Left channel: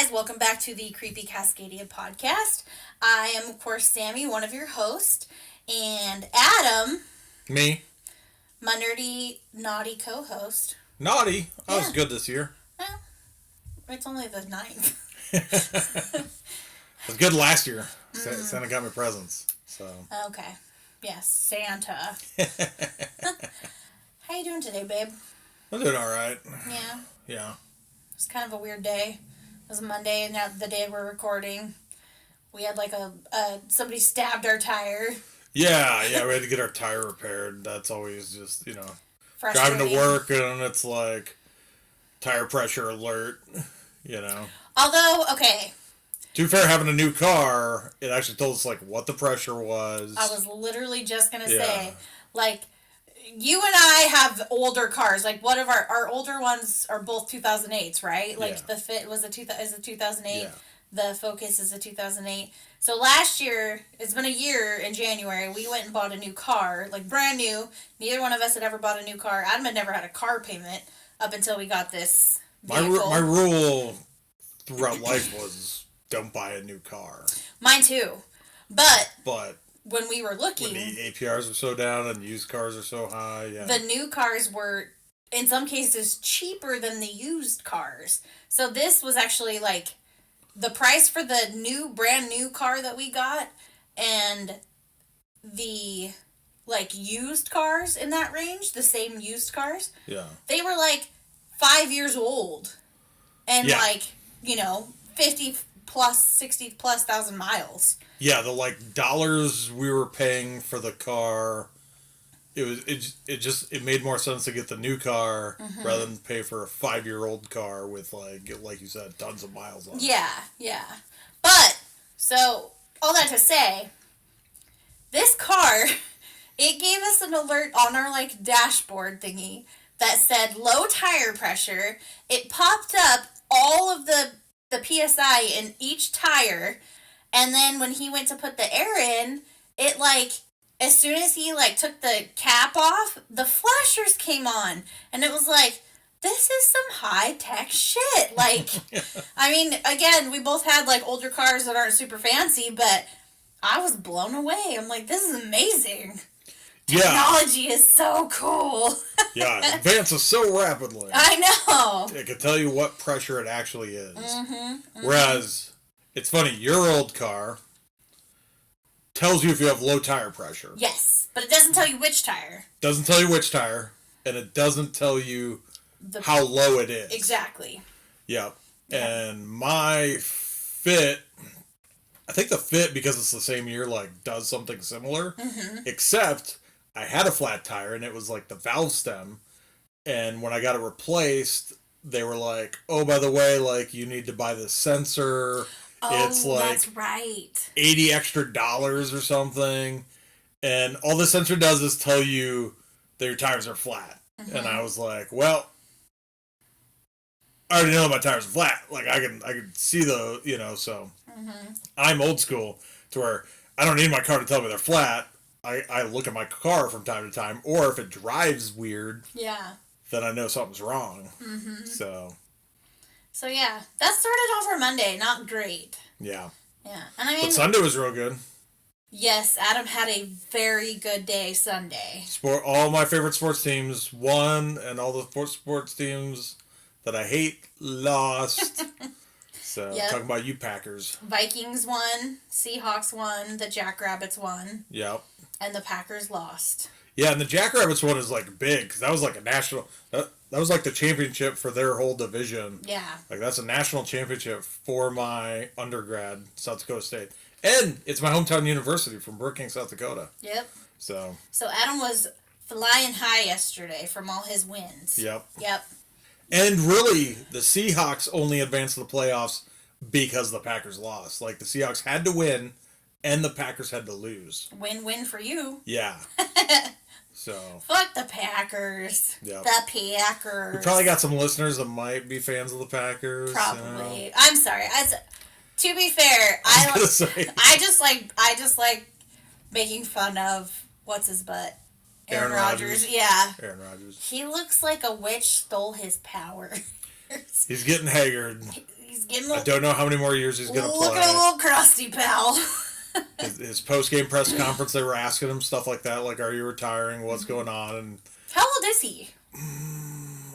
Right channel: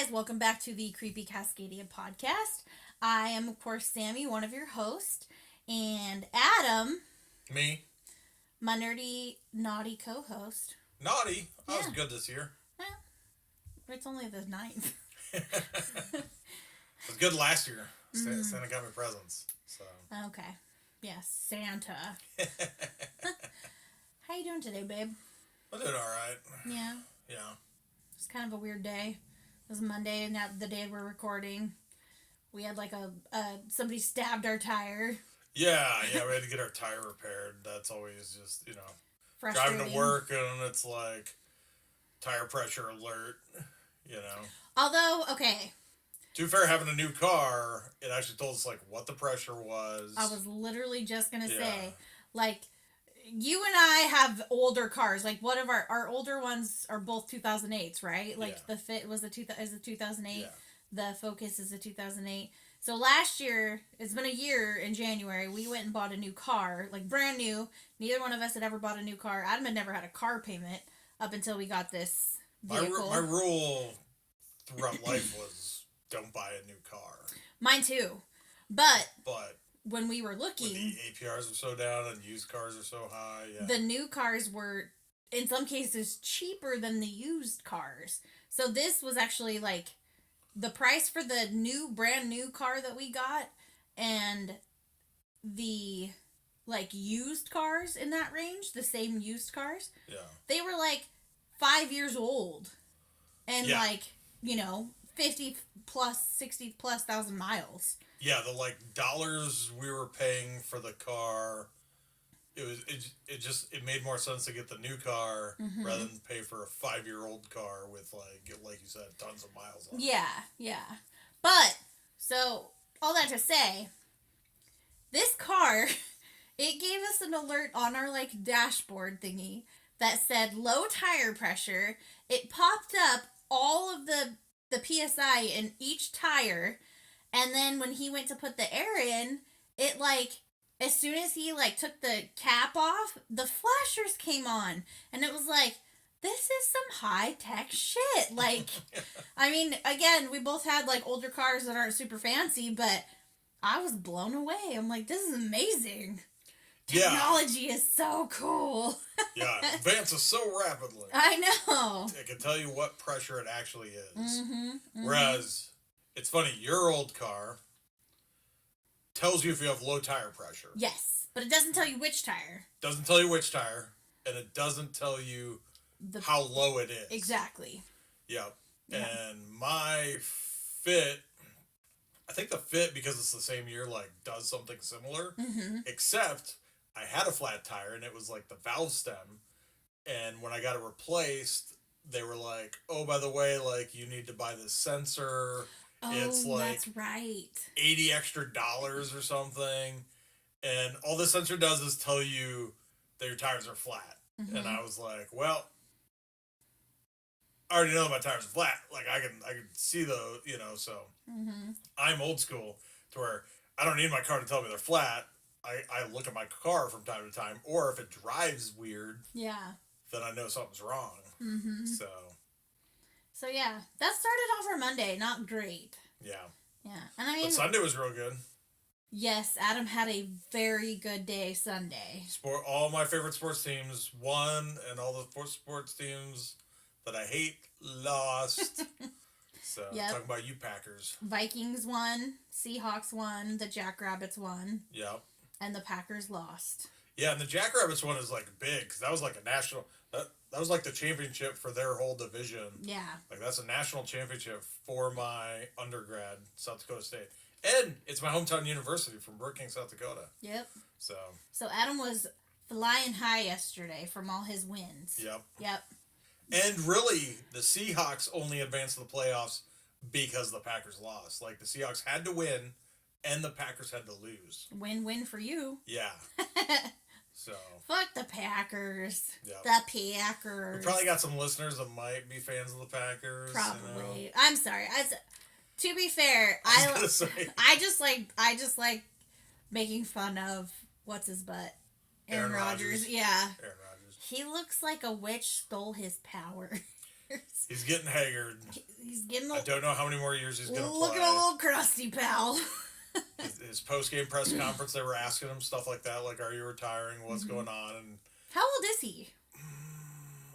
guys, welcome back to the Creepy Cascadia podcast. I am, of course, Sammy, one of your hosts, and Adam, Me? my nerdy, naughty co-host. Naughty? I was Yeah. good this year. Well, it's only the 9th. I was good last year. Santa got me presents. So. Okay. Yes, Santa. How you doing today, babe? I'm doing alright. Yeah. Yeah. It's kind of a weird day. It was Monday, and now the day we're recording, we had like somebody stabbed our tire. Yeah, we had to get our tire repaired. That's always just, driving to work and it's like tire pressure alert, Although, okay. To be fair, having a new car, it actually told us like what the pressure was. I was literally just going to say, like, you and I have older cars. Like, one of our older ones are both 2008s, right? Like, the Fit is a 2008. Yeah. The Focus is a 2008. So last year, it's been a year in January, we went and bought a new car. Like, brand new. Neither one of us had ever bought a new car. Adam had never had a car payment up until we got this vehicle. My rule throughout life was don't buy a new car. Mine too. But when we were looking, when the APRs are so down and used cars are so high, the new cars were, in some cases, cheaper than the used cars. So this was actually like the price for the brand new car that we got, and the like used cars in that range, the same used cars. Yeah. They were like 5 years old, and 50 plus, 60 plus thousand miles. Yeah, the dollars we were paying for the car, it made more sense to get the new car rather than pay for a 5-year-old car with like you said, tons of miles on it. Yeah. But so all that to say, this car, it gave us an alert on our like dashboard thingy that said low tire pressure. It popped up all of the PSI in each tire. And then when he went to put the air in, it as soon as he took the cap off, the flashers came on. And it was like, this is some high-tech shit. I mean, again, we both had older cars that aren't super fancy, but I was blown away. I'm like, this is amazing. Yeah. Technology is so cool. Yeah, it advances so rapidly. I know. It can tell you what pressure it actually is. Whereas, it's funny, your old car tells you if you have low tire pressure. Yes, but it doesn't tell you which tire. Doesn't tell you which tire, and it doesn't tell you how low it is. Exactly. Yep. And my Fit, I think the Fit, because it's the same year, does something similar. Except, I had a flat tire, and it was the valve stem. And when I got it replaced, they were like, oh, by the way, you need to buy this sensor. Oh, it's that's right. $80 extra or something. And all the sensor does is tell you that your tires are flat. And I was like, well, I already know my tires are flat. I can see the, so I'm old school to where I don't need my car to tell me they're flat. I look at my car from time to time, or if it drives weird, then I know something's wrong. So yeah, that started off our Monday. Not great. Yeah. Yeah, and I mean, but Sunday was real good. Yes, Adam had a very good day Sunday. All my favorite sports teams won, and all the sports teams that I hate lost. So, talking about you Packers. Vikings won, Seahawks won, the Jackrabbits won. Yep. And the Packers lost. Yeah, and the Jackrabbits one is big, because that was a national, that was the championship for their whole division. Yeah. That's a national championship for my undergrad, South Dakota State. And it's my hometown university from Brookings, South Dakota. Yep. So Adam was flying high yesterday from all his wins. Yep. Yep. And really, the Seahawks only advanced to the playoffs because the Packers lost. The Seahawks had to win, and the Packers had to lose. Win-win for you. Yeah. So. Fuck the Packers. Yep. The Packers. We probably got some listeners that might be fans of the Packers. Probably. I'm sorry. To be fair, I just like making fun of what's his butt. Aaron Rodgers. Yeah. Aaron Rodgers. He looks like a witch stole his power. He's getting haggard. He's getting I don't know how many more years he's going to play. Look at a little crusty, pal. His post-game press conference, they were asking him stuff like that, like, are you retiring? What's going on? And how old is he?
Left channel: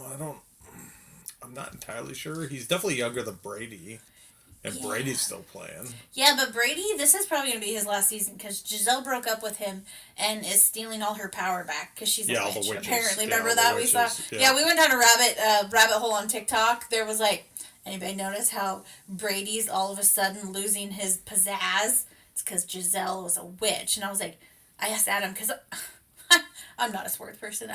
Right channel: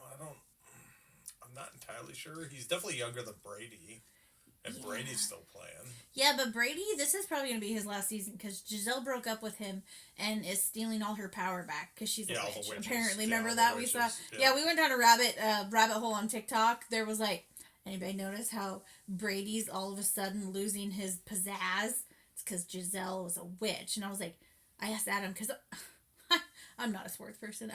I'm not entirely sure. He's definitely younger than Brady. And Brady's still playing. Yeah, but Brady, this is probably going to be his last season because Giselle broke up with him and is stealing all her power back because she's a witch. All the witches. Apparently, remember that we saw? Yeah, we went down a rabbit hole on TikTok. There was like, anybody notice how Brady's all of a sudden losing his pizzazz? It's because Giselle was a witch, and I was like, I asked Adam because I'm not a sports person.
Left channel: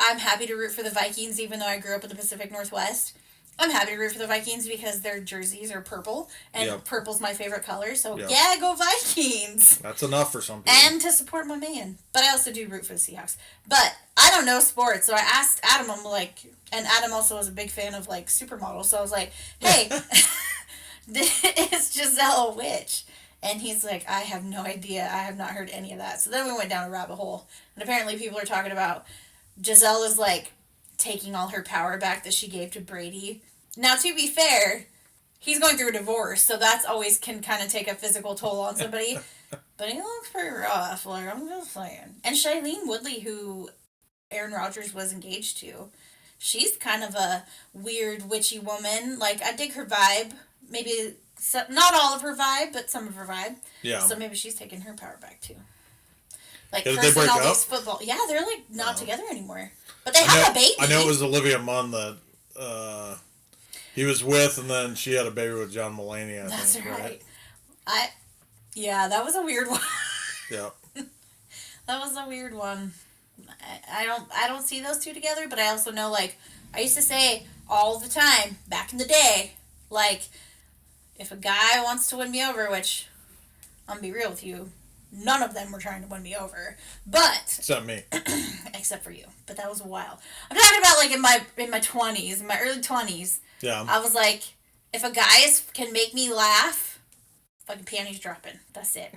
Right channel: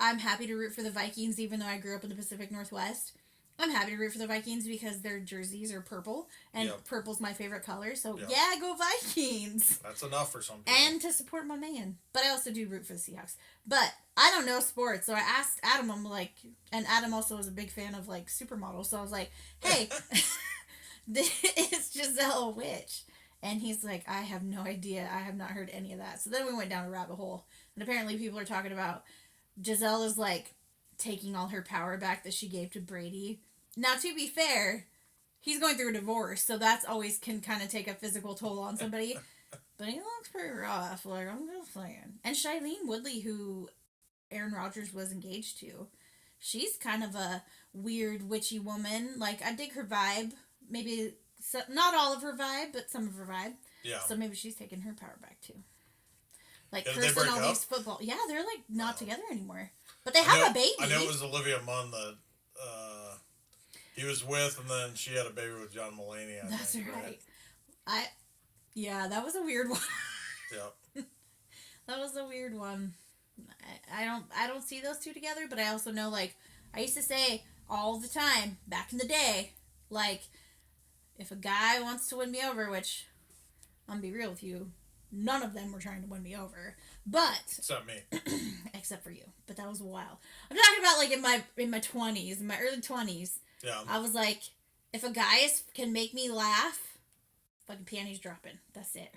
I'm happy to root for the Vikings, even though I grew up in the Pacific Northwest. I'm happy to root for the Vikings because their jerseys are purple, and purple's my favorite color, so yeah, go Vikings! That's enough for some people. And to support my man. But I also do root for the Seahawks. But I don't know sports, so I asked Adam, I'm like, and Adam also was a big fan of, like, supermodels, so I was like, hey, is Giselle a witch? And he's like, I have no idea. I have not heard any of that. So then we went down a rabbit hole, and apparently people are talking about Giselle is, like, taking all her power back that she gave to Brady. Now, to be fair, he's going through a divorce, so that's always can kind of take a physical toll on somebody. But he looks pretty rough, like, I'm just saying. And Shailene Woodley, who Aaron Rodgers was engaged to, she's kind of a weird, witchy woman. Like, I dig her vibe. Maybe, not all of her vibe, but some of her vibe. Yeah. So maybe she's taking her power back, too. Like, did they break all up? These football. Yeah, they're, like, not together anymore. But they have a baby. I know it was Olivia Munn that he was with, and then she had a baby with John Mulaney, I think. That's right. Yeah, that was a weird one. Yeah. That was a weird one. I don't see those two together, but I also know, like, I used to say all the time, back in the day, like, if a guy wants to win me over, which, I'm going to be real with you, none of them were trying to win me over, but... Except me. Except for you. But that was a while. I'm talking about, like, in my 20s, in my early 20s. Yeah. I was like, if a guy can make me laugh, fucking panties dropping. That's it.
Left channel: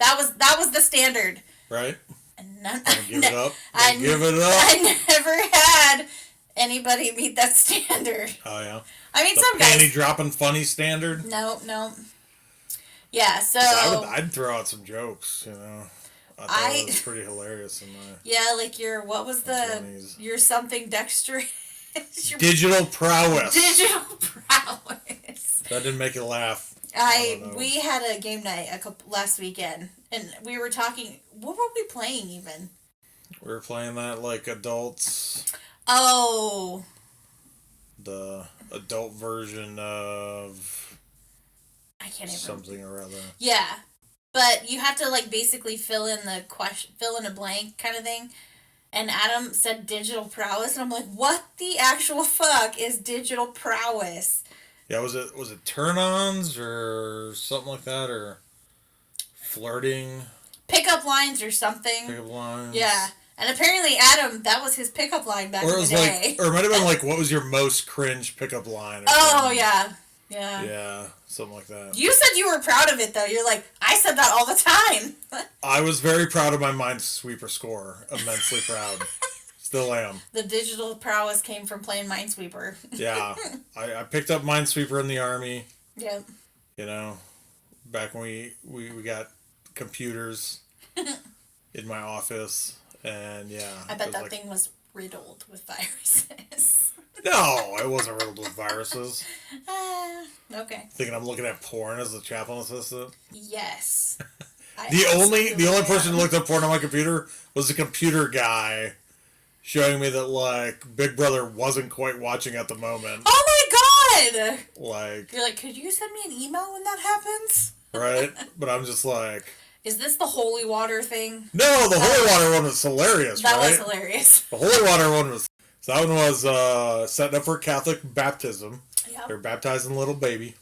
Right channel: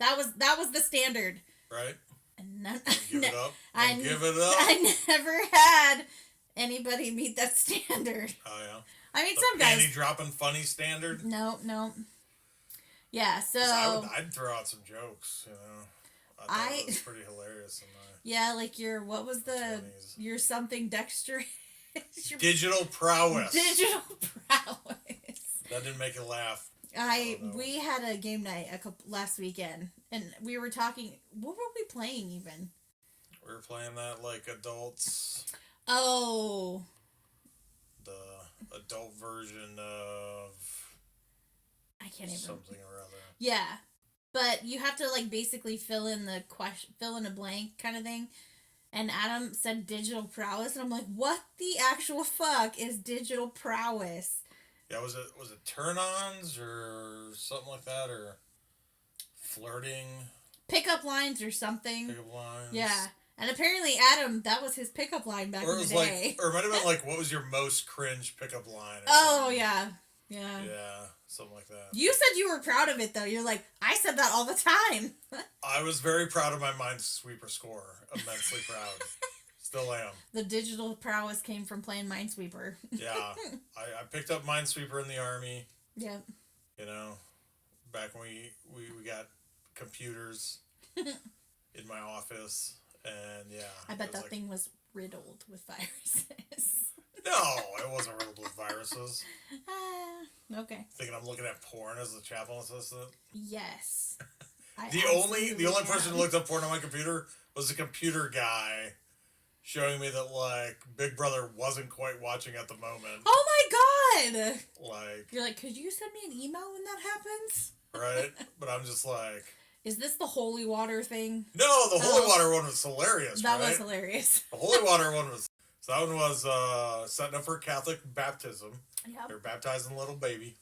that was the standard. Right. And none... Give it up. Give it up. I never had anybody meet that standard. Oh, yeah. I mean, the some guys... panty dropping funny standard? No. Yeah, so... I'd throw out some jokes, you know. I thought it was pretty hilarious in my... Yeah, like what was the... 20s. Your something dexterous... Digital prowess. Digital prowess. That didn't make you laugh. We had a game night last weekend, and we were talking... What were we playing, even? We were playing that, like, adults... Oh... The adult version of... I can't even... Something or other. Yeah. But you have to, like, basically fill in a blank kind of thing. And Adam said digital prowess, and I'm like, what the actual fuck is digital prowess? Yeah, was it turn-ons or something like that, or flirting? Pickup lines or something. Pickup lines. Yeah. And apparently Adam, that was his pickup line back in the day. Or it might have been like, what was your most cringe pickup line? Oh, yeah. Yeah, something like that. You said you were proud of it, though. You're like, I said that all the time. I was very proud of my Minesweeper score. Immensely proud. Still am. The digital prowess came from playing Minesweeper. Yeah. I picked up Minesweeper in the Army. Yep. You know, back when we got computers in my office. And, yeah. I bet that thing was riddled with viruses. No, it wasn't riddled with viruses. Okay. Thinking I'm looking at porn as a chaplain assistant? Yes. The only person who looked up porn on my computer was the computer guy showing me that, like, Big Brother wasn't quite watching at the moment. Oh my god! Like... You're like, could you send me an email when that happens? Right? But I'm just like... Is this the holy water thing? No, the holy water one was hilarious, that right? Was hilarious. The holy water one was... So that one was setting up for Catholic baptism. Yep. They're baptizing little baby.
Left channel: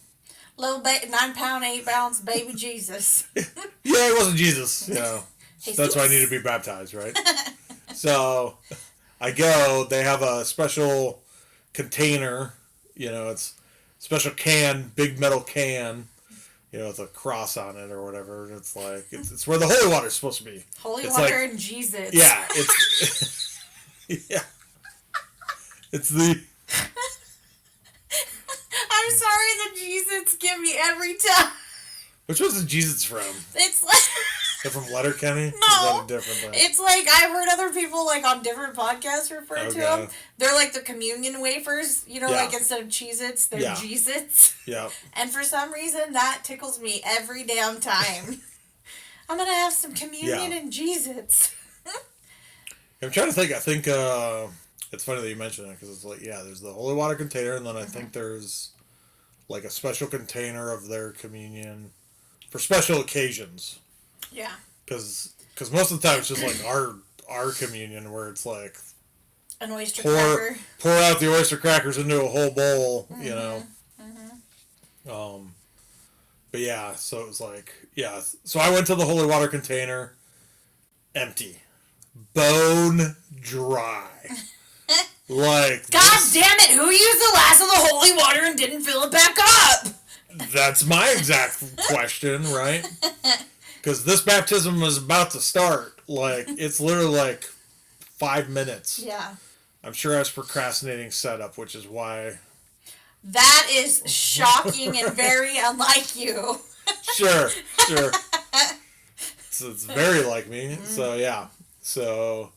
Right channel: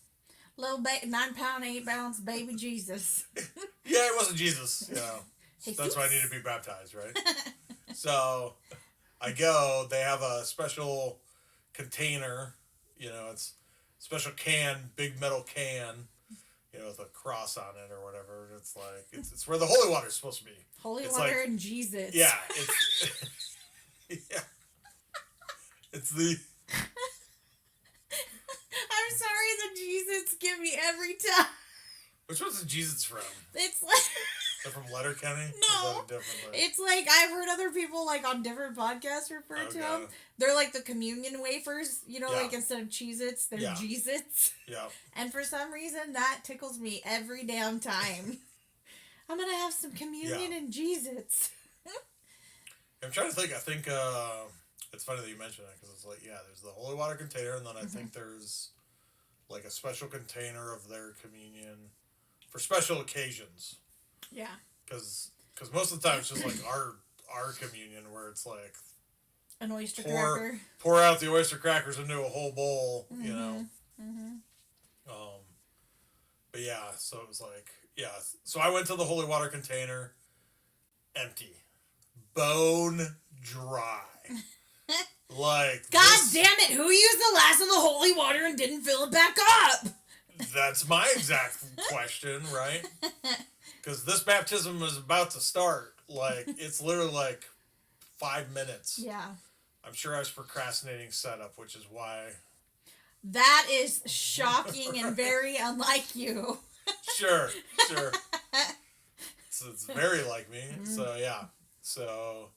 Little 9 pound, 8 ounce baby Jesus. Yeah, it wasn't Jesus, you know. That's why I need to be baptized, right? So I go, they have a special container, you know, it's a special can, big metal can, you know, with a cross on it or whatever. And it's like, it's where the holy water is supposed to be. Holy water like, and Jesus. Yeah, it's... Yeah. It's the... me every time. Which one's the Jesus from? It's like... They're from Letterkenny? No. Or is that a different thing? It's like, I've heard other people, like, on different podcasts refer to them. They're like the communion wafers, you know, like instead of Cheez-Its, they're Jeez-Its. Yeah. And for some reason, that tickles me every damn time. I'm gonna have some communion and Jeez-Its. I'm trying to think. I think it's funny that you mentioned it because it's like, there's the holy water container, and then I think there's like a special container of their communion for special occasions. Yeah. Because most of the time it's just like our communion where it's like an oyster cracker. Pour out the oyster crackers into a whole bowl, you know. But yeah, so it was like, so I went to the holy water container, empty, bone dry. Like, God damn it! Who used the last of the holy water and didn't fill it back up? That's my exact question, right? Because this baptism is about to start. Like, it's literally like 5 minutes. Yeah. I'm sure I was procrastinating setup, which is why. That is shocking and very unlike you. Sure. So it's very like me. So, yeah. So,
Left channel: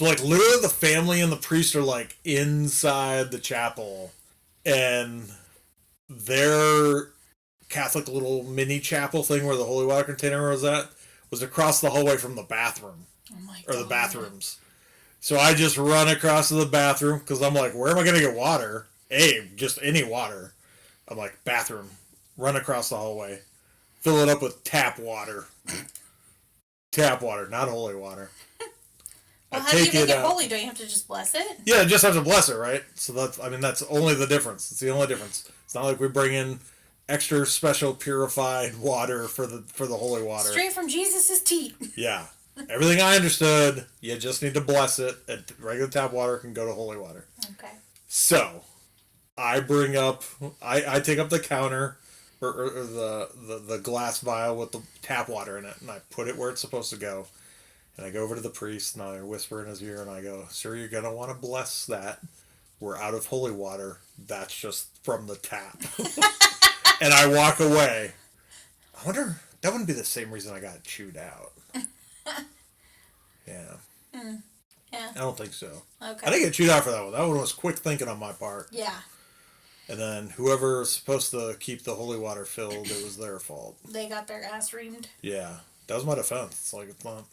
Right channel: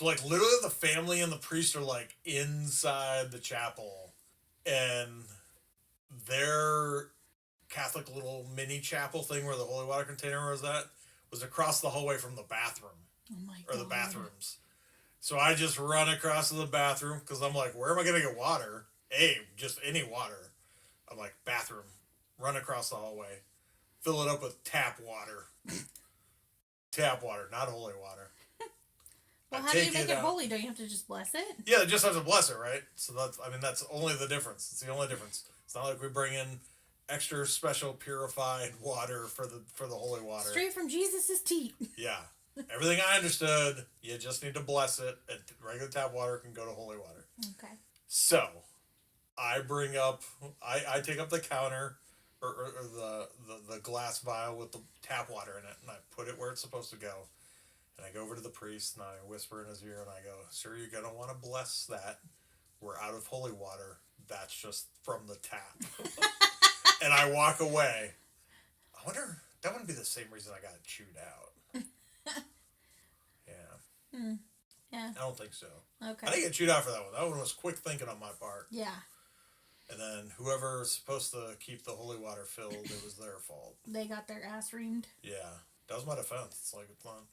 like, literally the family and the priest are, like, inside the chapel. And their Catholic little mini chapel thing where the holy water container was at was across the hallway from the bathroom. Oh my God. Or the bathrooms. So I just run across to the bathroom because I'm like, where am I going to get water? Just any water. I'm like, bathroom. Run across the hallway. Fill it up with tap water. Tap water, not holy water. Well, how do you make it holy? Don't you have to just bless it? Yeah, you just have to bless it, right? So that's only the difference. It's the only difference. It's not like we bring in extra special purified water for the holy water. Straight from Jesus' teat. Yeah. Everything I understood, you just need to bless it, and regular tap water can go to holy water. Okay. So, I take up the counter, or the glass vial with the tap water in it, and I put it where it's supposed to go. And I go over to the priest, and I whisper in his ear, and I go, "Sir, you're going to want to bless that. We're out of holy water. That's just from the tap." And I walk away. I wonder, that wouldn't be the same reason I got chewed out. Yeah. Yeah. I don't think so. Okay. I didn't get chewed out for that one. That one was quick thinking on my part. Yeah. And then whoever's supposed to keep the holy water filled, it was their fault. They got their ass reamed. Yeah. That was my defense. It's like, it's not...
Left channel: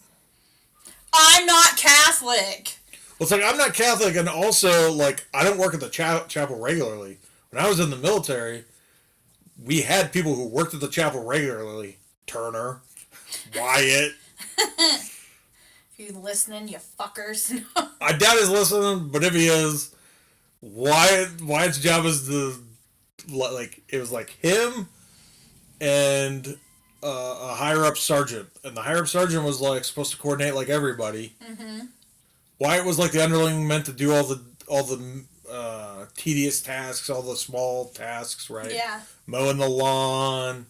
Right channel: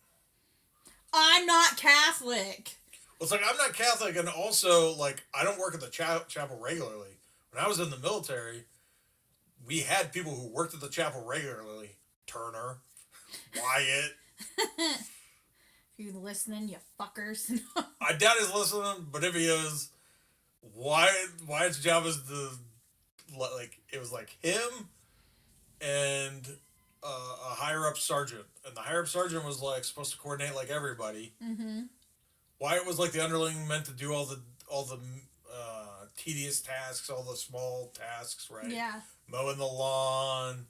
I'm not Catholic. Well, it's like, I'm not Catholic, and also, like, I don't work at the chapel regularly. When I was in the military, we had people who worked at the chapel regularly. Turner, Wyatt. If you listening, you fuckers. I doubt he's listening, but if he is, Wyatt's job is to, like, it was like him and a higher up sergeant, and the higher up sergeant was like supposed to coordinate like everybody. Mm-hmm. Wyatt was like the underling meant to do all the tedious tasks, all the small tasks, right? Yeah. Mowing the lawn.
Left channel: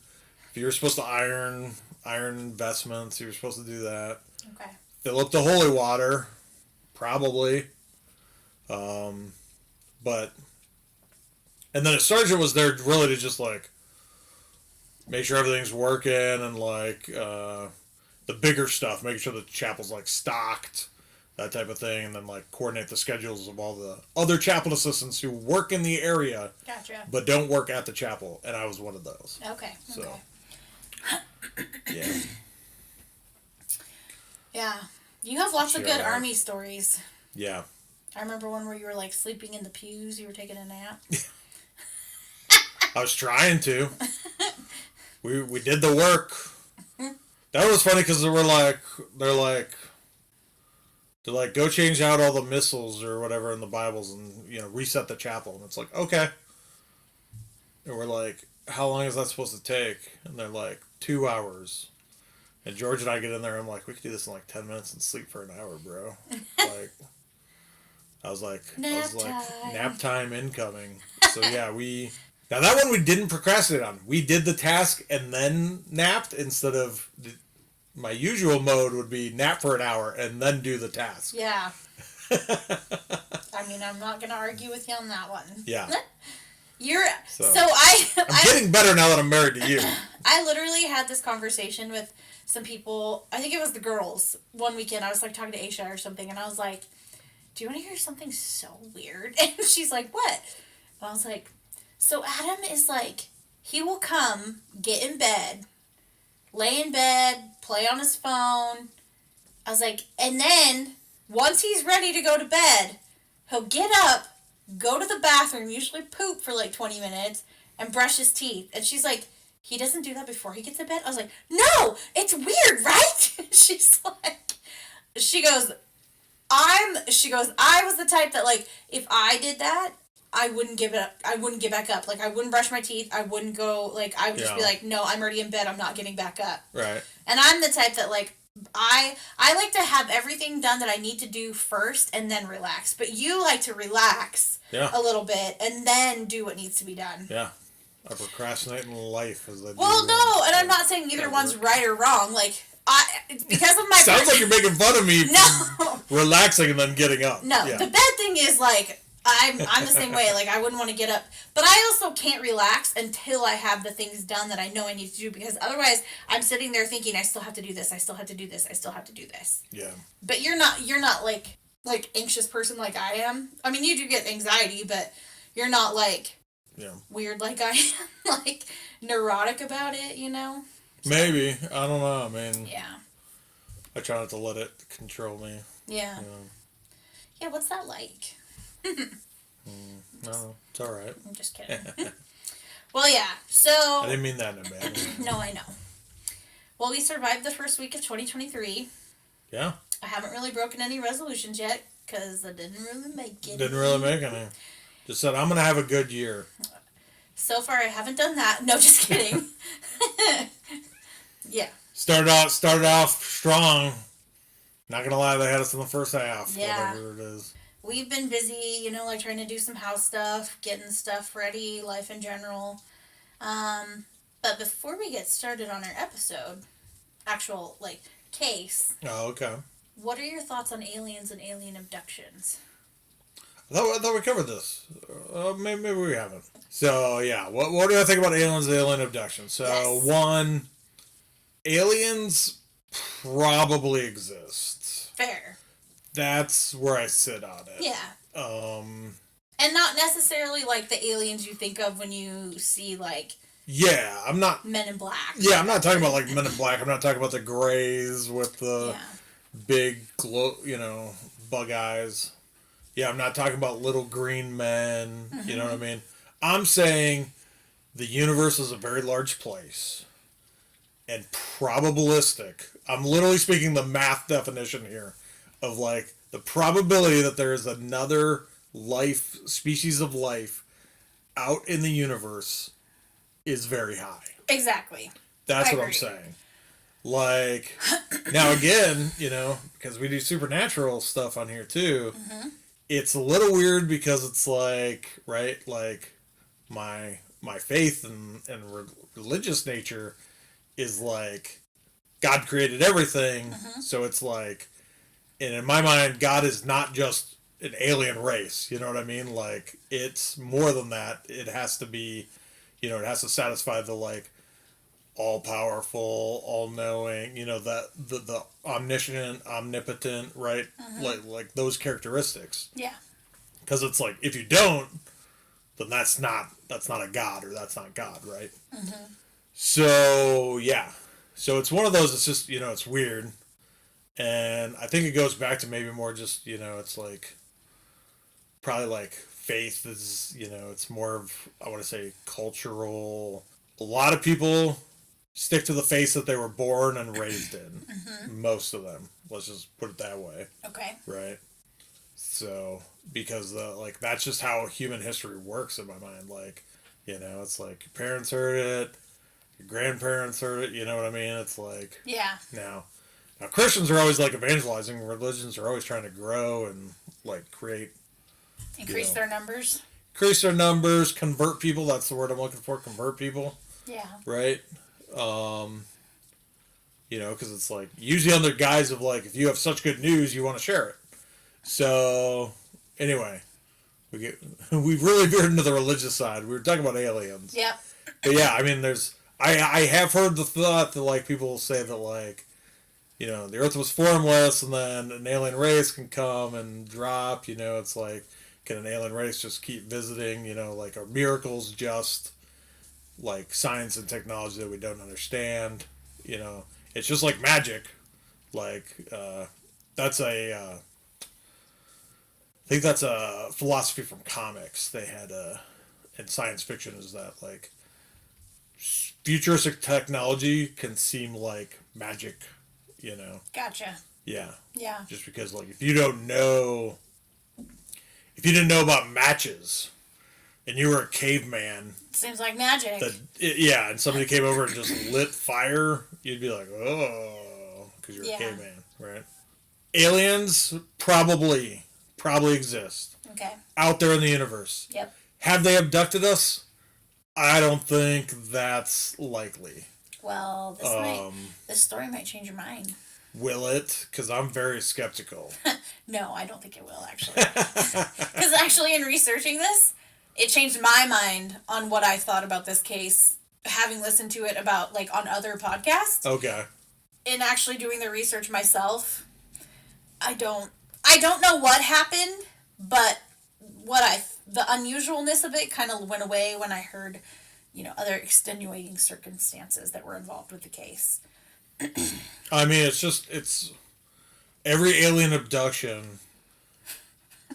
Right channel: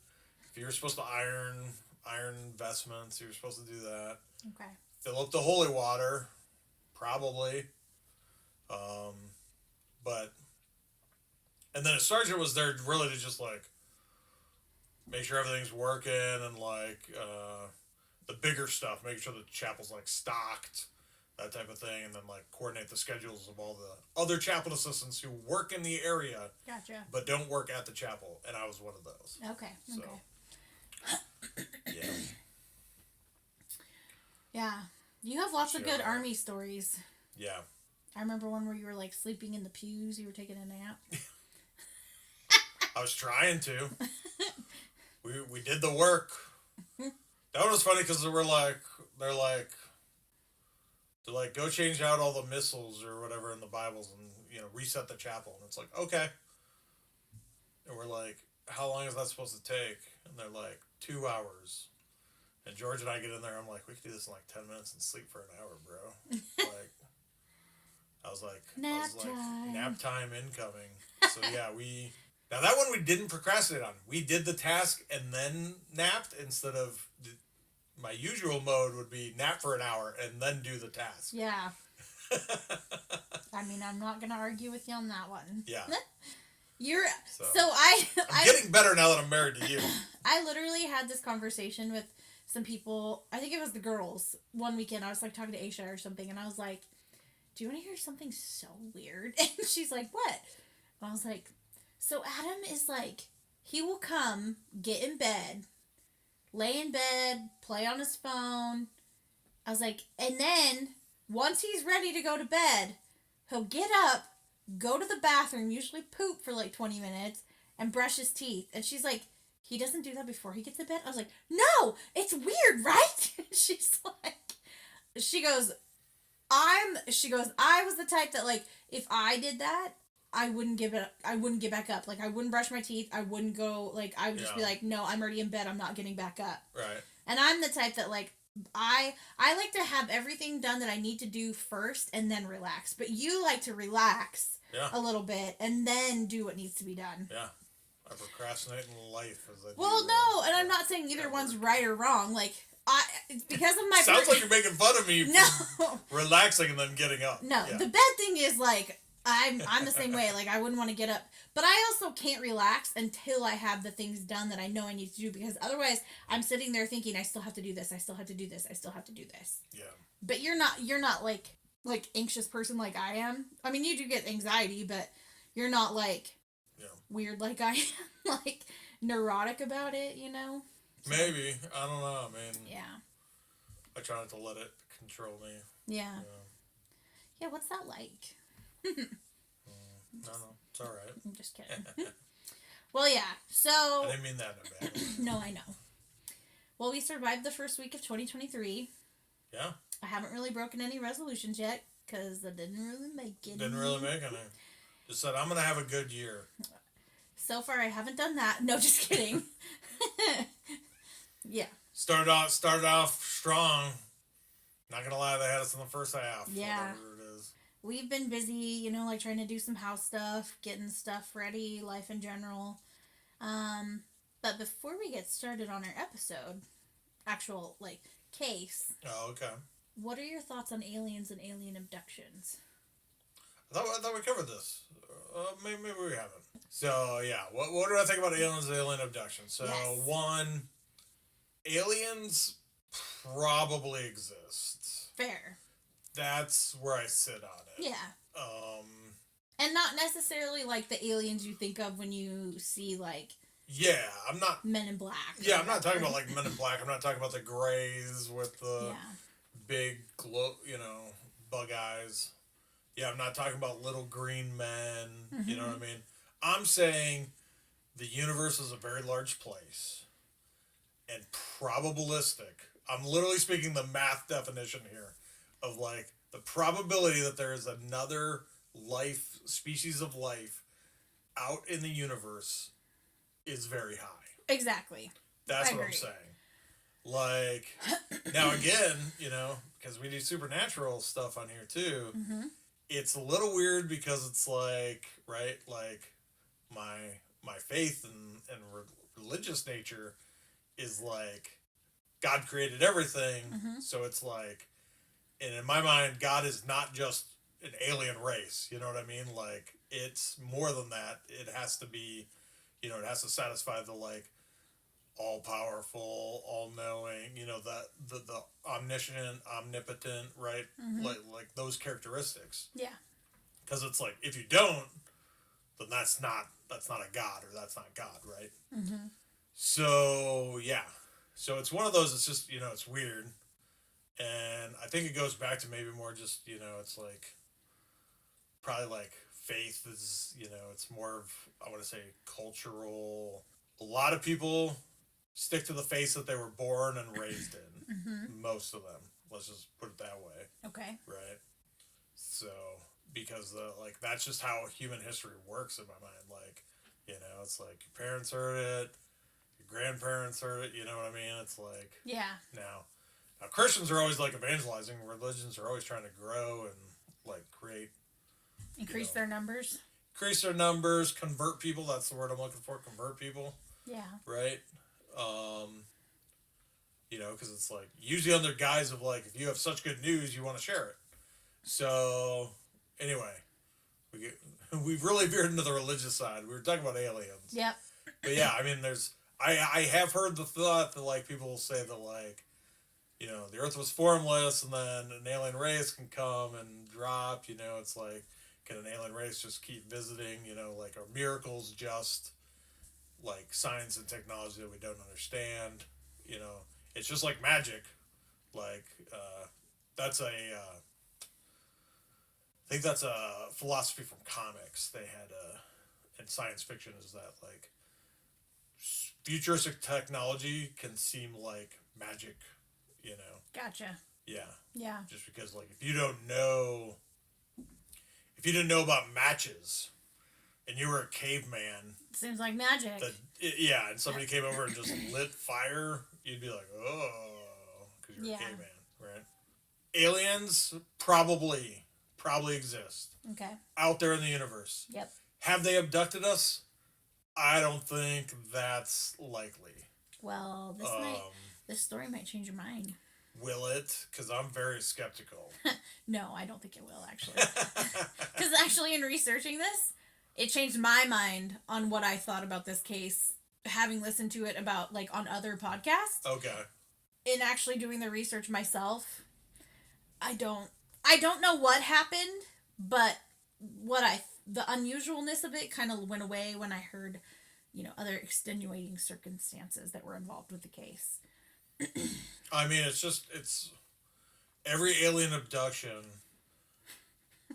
If you were supposed to iron vestments, you were supposed to do that. Okay. Fill up the holy water, probably. But, and then a sergeant was there really to just like make sure everything's working and like the bigger stuff, making sure the chapel's like stocked, that type of thing, and then like coordinate the schedules of all the other chapel assistants who work in the area, gotcha, but don't work at the chapel, and I was one of those. Okay. So, yeah. Yeah. You have lots of good army stories. Yeah. I remember one where you were like sleeping in the pews. You were taking a nap. I was trying to. We did the work. That was funny because they're like, go change out all the missals or whatever in the Bibles and, reset the chapel. And it's like, okay. And we're like, how long is that supposed to take? And they're like, 2 hours. And George and I get in there. I'm like, we could do this in like 10 minutes and sleep for an hour, bro. Like, I was like, nap time incoming. So yeah, now that one we didn't procrastinate on. We did the task and then napped instead of my usual mode would be nap for an hour and then do the task. Yeah. I mean, I'm not going to argue with you on that one. Yeah. So I I'm getting better now that I'm married to you. I literally had this conversation with some people. I think it was the girls one weekend. I was like talking to Aisha or something, and I was like, "Do you want to hear something so weird?" And she's like, "What?" And I was like, "So Adam is like, he will come, get in bed, lay in bed, play on his phone." I was like, and then once he's ready to go to bed, he'll get up, go to the bathroom, usually poop for like 20 minutes, and brush his teeth. And she's like, he doesn't do that before he gets in bed? I was like, no, it's weird, right? She's like, she goes, I was the type that, like, if I did that, I wouldn't give it up. I wouldn't get back up. Like, I wouldn't brush my teeth. I wouldn't go, like, I would just be like, no, I'm already in bed. I'm not getting back up. Right. And I'm the type that, like, I like to have everything done that I need to do first and then relax. But you like to relax a little bit and then do what needs to be done. Yeah. I procrastinate in life as I do. Well, no, and I'm not saying either one's right or wrong. Like, because of my... Sounds like you're making fun of me for relaxing and then getting up. No, the bad thing is, like, I'm the same way. Like, I wouldn't want to get up. But I also can't relax until I have the things done that I know I need to do. Because otherwise, I'm sitting there thinking, I still have to do this. I still have to do this. I still have to do this. Yeah. But you're not like anxious person like I am. I mean, you do get anxiety, but you're not, like, weird like I am. Like, neurotic about it, you know? So, maybe. I don't know. I mean... Yeah. I try not to let it control me. Yeah. Yeah, what's that like? No, it's all right. I'm just kidding. Well, yeah, so... I didn't mean that in a bad way. No, I know. Well, we survived the first week of 2023. Yeah. I haven't really broken any resolutions yet, because I didn't really make any. Didn't really make any. Just said, I'm going to have a good year. So far, I haven't done that. No, just kidding. Yeah. Started off strong. Not going to lie, they had us in the first half. Yeah. Whatever it is. We've been busy, you know, like trying to do some house stuff, getting stuff ready, life in general. But before we get started on our episode, actual, like, case. Oh, okay. What are your thoughts on aliens and alien abductions? I thought we covered this. Maybe we haven't. So, yeah. What do I think about aliens and alien abductions? So, yes. One, aliens probably exist. Fair. That's where I sit on it. Yeah. And not necessarily like the aliens you think of when you see like... Yeah, I'm not... Men in Black. Yeah, I'm not talking about like Men in Black. I'm not talking about the grays with the big, bug eyes. Yeah, I'm not talking about little green men. Mm-hmm. You know what I mean? I'm saying the universe is a very large place. And probabilistic. I'm literally speaking the math definition here. Of like the probability that there is another species of life out in the universe is very high. Exactly. That's what I'm saying. Like, now again, because we do supernatural stuff on here too, it's a little weird because it's like, right, like my faith and religious nature is like God created everything, so it's like, and in my mind, God is not just an alien race. You know what I mean? Like, it's more than that. It has to be, it has to satisfy the, like, all-powerful, all-knowing, that the omniscient, omnipotent, right? Like those characteristics. Yeah. Because it's like, if you don't, then that's not a God, or that's not God, right? Mm-hmm. So, yeah. So it's one of those, it's just, it's weird. And I think it goes back to maybe more just, it's like, probably like faith is, it's more of, I want to say, cultural. A lot of people stick to the faith that they were born and raised in. Most of them. Let's just put it that way. Okay. Right? So, because, that's just how human history works in my mind. Like, it's like your parents heard it, your grandparents heard it, you know what I mean? It's like... Yeah. Now, Christians are always, like, evangelizing. Religions are always trying to grow and, like, create... Increase their numbers. Increase their numbers, convert people. That's the word I'm looking for, convert people. Yeah. Right? Because it's, like, usually under guise of, like, if you have such good news, you want to share it. So, anyway, we've really veered into the religious side. We were talking about aliens. Yep. But yeah, I mean, I have heard the thought that like people say that like the Earth was formless, and then an alien race can come and drop. It's like, can an alien race just keep visiting? Like, are miracles just like science and technology that we don't understand? It's just like magic. Like, that's I think that's a philosophy from comics. They had in science fiction is that like futuristic technology can seem like magic. Gotcha. Yeah. Yeah. Just because like if you didn't know about matches and you were a caveman, seems like magic. Yeah, and somebody came over and just lit fire, you'd be like, oh, because you're a caveman, right? Aliens probably exist. Okay. Out there in the universe. Yep. Have they abducted us? I don't think that's likely. Well, this story might change your mind. Will it? Because I'm very skeptical. No, I don't think it will, actually. Because actually, in researching this, it changed my mind on what I thought about this case, having listened to it about, like, on other podcasts. Okay. In actually doing the research myself, I don't know what happened, but the unusualness of it kind of went away when I heard, other extenuating circumstances that were involved with the case. I mean, it's every alien abduction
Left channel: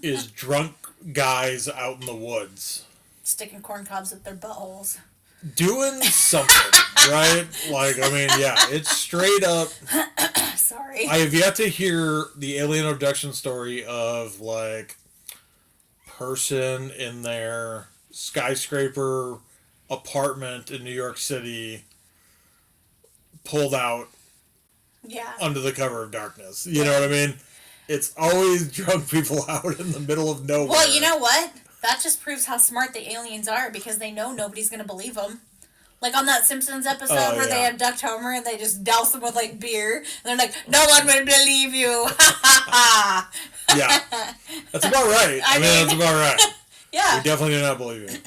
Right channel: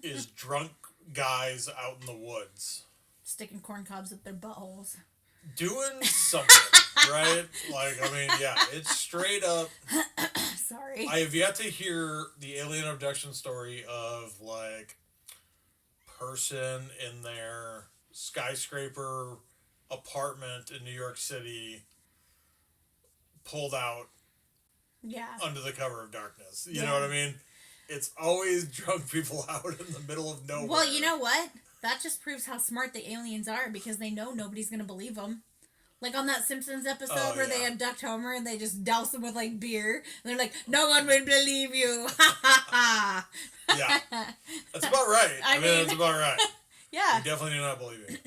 is drunk guys out in the woods sticking corn cobs up their buttholes, doing something, right? Like, I mean, yeah, it's straight up. Sorry, I have yet to hear the alien abduction story of like person in their skyscraper apartment in New York City pulled out under the cover of darkness. You know what I mean? It's always drunk people out in the middle of nowhere. Well, you know what? That just proves how smart the aliens are, because they know nobody's going to believe them. Like on that Simpsons episode where they abduct Homer and they just douse him with like beer. And they're like, no one will believe you. Yeah. That's about right. I mean, that's about right. Yeah. We definitely do not believe you.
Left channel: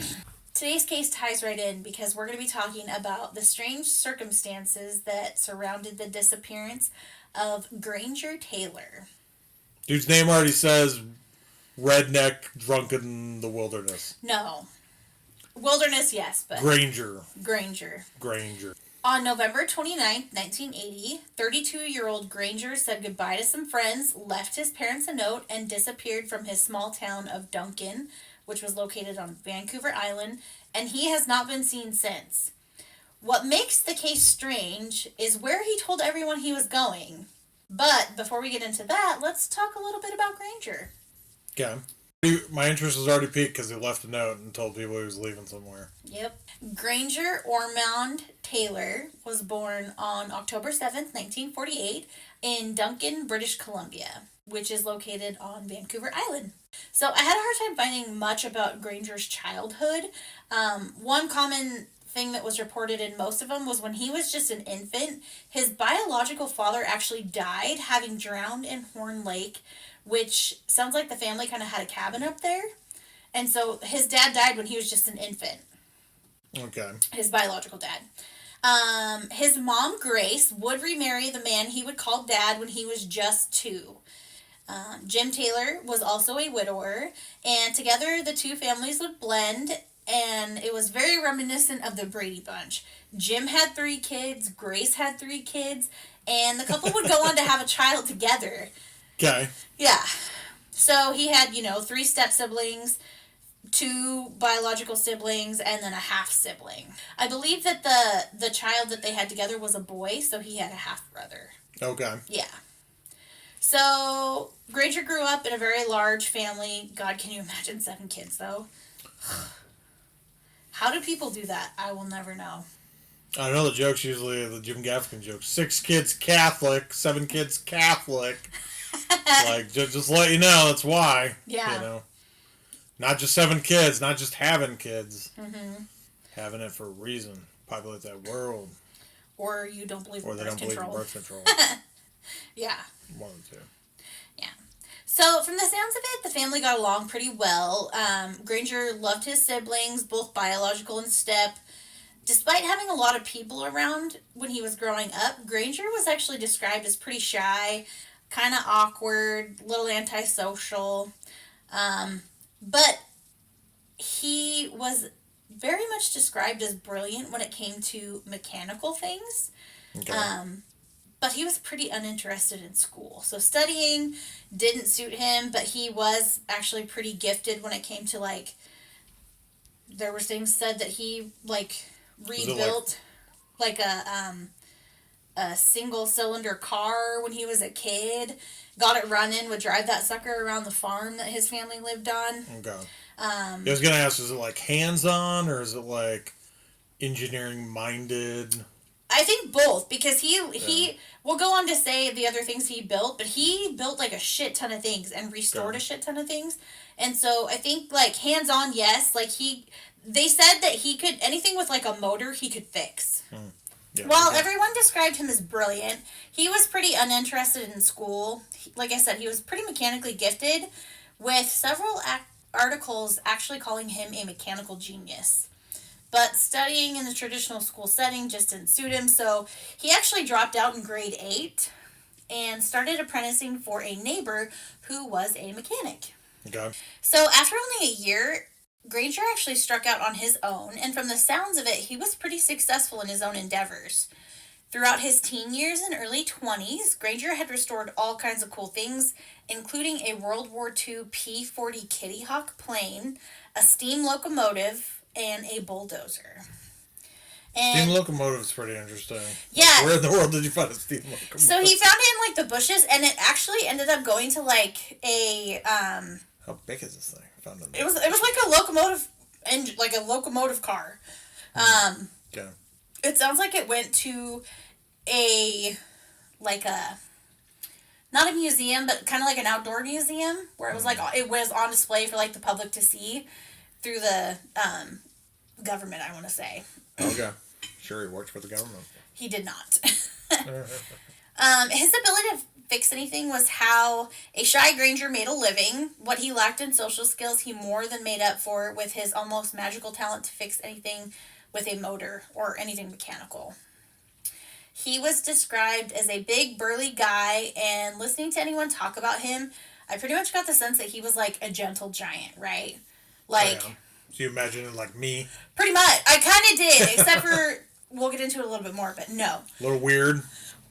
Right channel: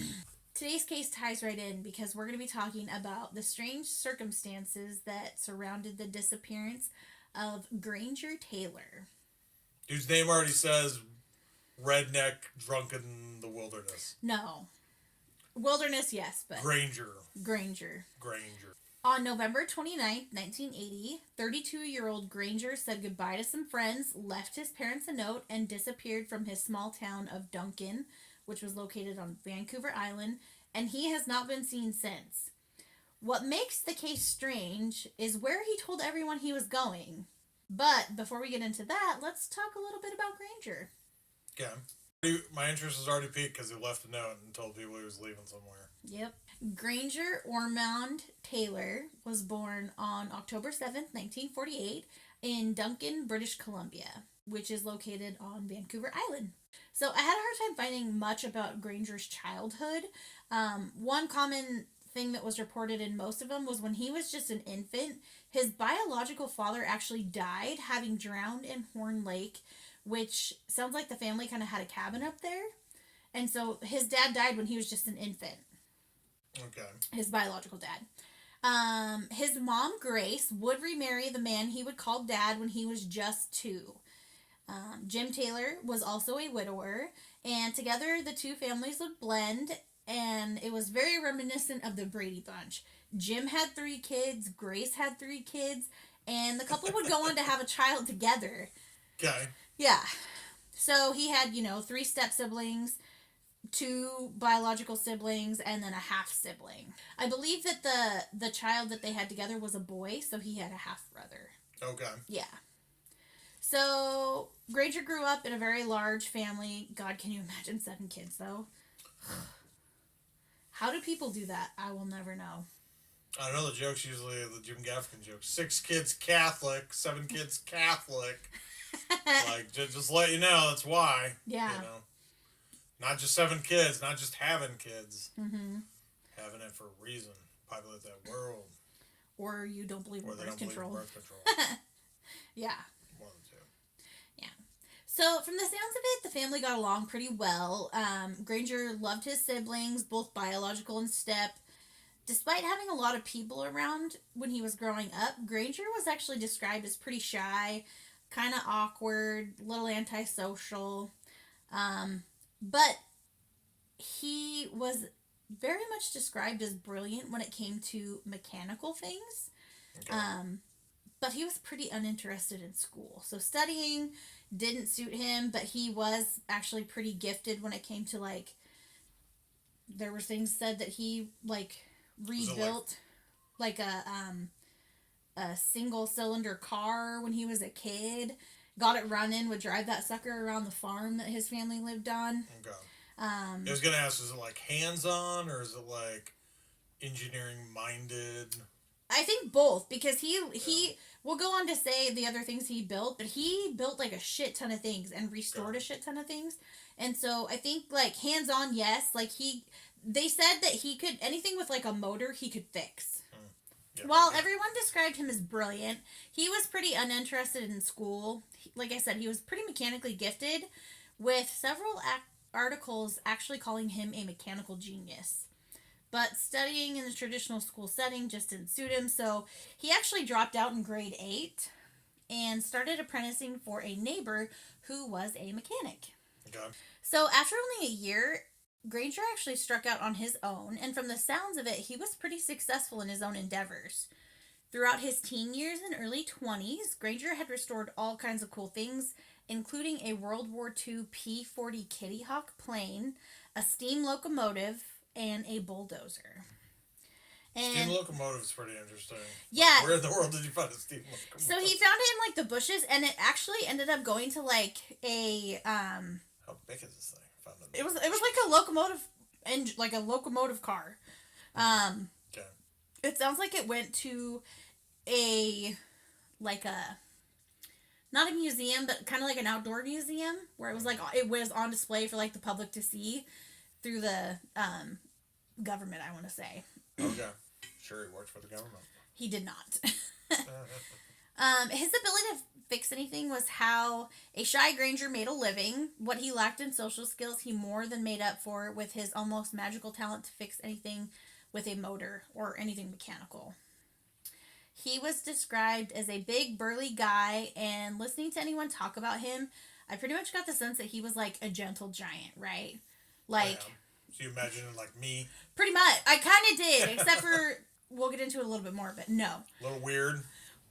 Today's case ties right in because we're going to be talking about the strange circumstances that surrounded the disappearance of Granger Taylor. Dude's name already says redneck drunk in the wilderness. No. Wilderness, yes, but... Granger. On November 29th, 1980, 32-year-old Granger said goodbye to some friends, left his parents a note, and disappeared from his small town of Duncan, which was located on Vancouver Island, and he has not been seen since. What makes the case strange is where he told everyone he was going. But before we get into that, let's talk a little bit about Granger. Okay. My interest was already piqued because he left a note and told people he was leaving somewhere. Yep. Granger Ormond Taylor was born on October 7th, 1948 in Duncan, British Columbia, which is located on Vancouver Island. So I had a hard time finding much about Granger's childhood. One common thing that was reported in most of them was when he was just an infant, his biological father actually died having drowned in Horn Lake, which sounds like the family kind of had a cabin up there. And so his dad died when he was just an infant. Okay. His biological dad. His mom, Grace, would remarry the man he would call dad when he was just 2. Jim Taylor was also a widower, and together the two families would blend, and it was very reminiscent of the Brady Bunch. Jim had 3 kids, Grace had 3 kids, and the couple would go on to have a child together. Okay. Yeah. So he had, 3 step-siblings, 2 biological siblings, and then a half-sibling. I believe that the child that they had together was a boy, so he had a half-brother. Okay. Yeah. So, Granger grew up in a very large family. God, can you imagine 7 kids, though? How do people do that? I will never know. I know the joke's usually the Jim Gaffigan joke. 6 kids Catholic, 7 kids Catholic. Like, just let you know, that's why. Yeah. Not just 7 kids, not just having kids. Mm-hmm. Having it for a reason. Populate that world. Or you don't believe in birth control. Or they don't believe in birth control. Yeah. One of the 2. Yeah. So, from the sounds of it, the family got along pretty well. Granger loved his siblings, both biological and step. Despite having a lot of people around when he was growing up, Granger was actually described as pretty shy, kind of awkward, a little antisocial. But he was very much described as brilliant when it came to mechanical things. Okay. But he was pretty uninterested in school. So studying didn't suit him, but he was actually pretty gifted when it came to like there were things said that he like rebuilt like a single cylinder car when he was a kid. Got it running, would drive that sucker around the farm that his family lived on. Okay. I was gonna ask, is it like hands-on or is it like engineering-minded? I think both because he will go on to say the other things he built, but he built like a shit ton of things and restored a shit ton of things. And so I think like hands on, yes, like they said that he could anything with like a motor he could fix. Yeah, while everyone described him as brilliant, he was pretty uninterested in school. Like I said, he was pretty mechanically gifted, with several articles actually calling him a mechanical genius. But studying in the traditional school setting just didn't suit him, so he actually dropped out in grade 8 and started apprenticing for a neighbor who was a mechanic. Okay. So after only a year, Granger actually struck out on his own, and from the sounds of it, he was pretty successful in his own endeavors. Throughout his teen years and early 20s, Granger had restored all kinds of cool things, including a World War II P-40 Kitty Hawk plane, a steam locomotive, and a bulldozer. And steam locomotive is pretty interesting. Yeah. Like, where in the world did you find a steam locomotive? So he found it in like the bushes, and it actually ended up going to like a How big is this thing? I found it was like a locomotive and like a locomotive car. Okay. It sounds like it went to a not a museum, but kind of like an outdoor museum where it was like it was on display for like the public to see through the government, I want to say. Okay. Sure, he worked for the government. He did not. His ability to fix anything was how a shy Granger made a living. What he lacked in social skills, he more than made up for with his almost magical talent to fix anything with a motor or anything mechanical. He was described as a big, burly guy, and listening to anyone talk about him, I pretty much got the sense that he was like a gentle giant, right? Like, so you imagine it like me? Pretty much. I kind of did, except for, we'll get into it a little bit more, but no. A little weird?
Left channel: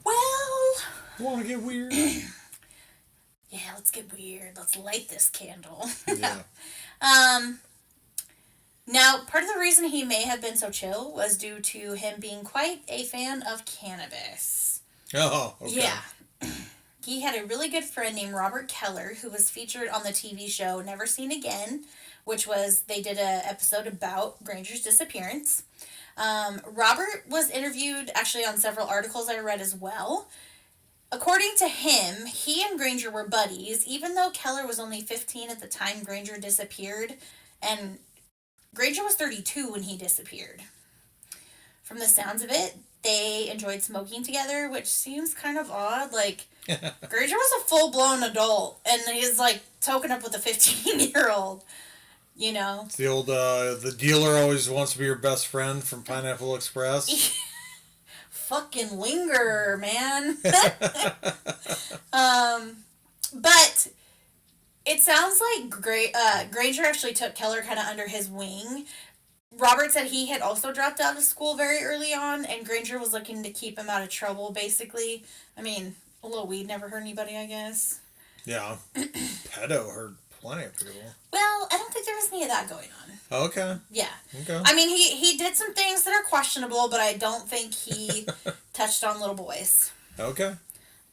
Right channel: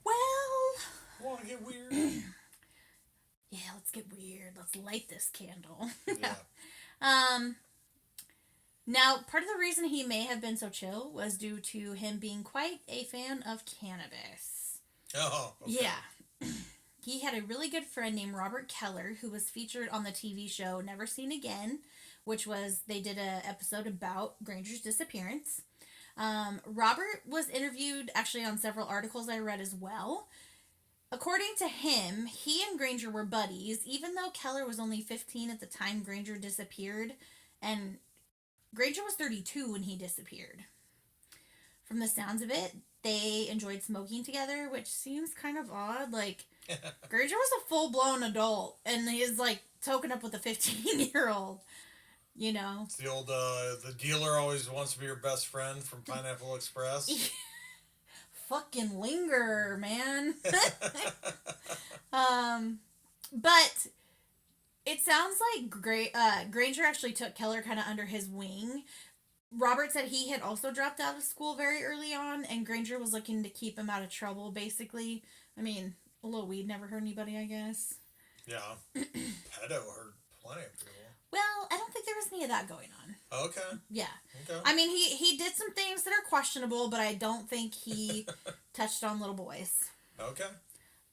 Well... Want to get weird? Yeah, let's get weird. Let's light this candle. Yeah. Now, part of the reason he may have been so chill was due to him being quite a fan of cannabis. Oh, okay. Yeah. He had a really good friend named Robert Keller who was featured on the TV show Never Seen Again, which was, they did an episode about Granger's disappearance. Robert was interviewed actually on several articles I read as well. According to him, he and Granger were buddies, even though Keller was only 15 at the time Granger disappeared, and Granger was 32 when he disappeared. From the sounds of it, they enjoyed smoking together, which seems kind of odd. Like, Granger was a full-blown adult, and he's, like, token up with a 15-year-old, you know? It's the old, the dealer always wants to be your best friend from Pineapple Express. Fucking linger, man. But it sounds like Granger actually took Keller kind of under his wing. Robert said he had also dropped out of school very early on, and Granger was looking to keep him out of trouble, basically. I mean, a little weed never hurt anybody, I guess. Yeah. Pedo hurt plenty of people. Well, I don't think there was any of that going on. Okay. Yeah. Okay. I mean, he did some things that are questionable, but I don't think he touched on little boys. Okay.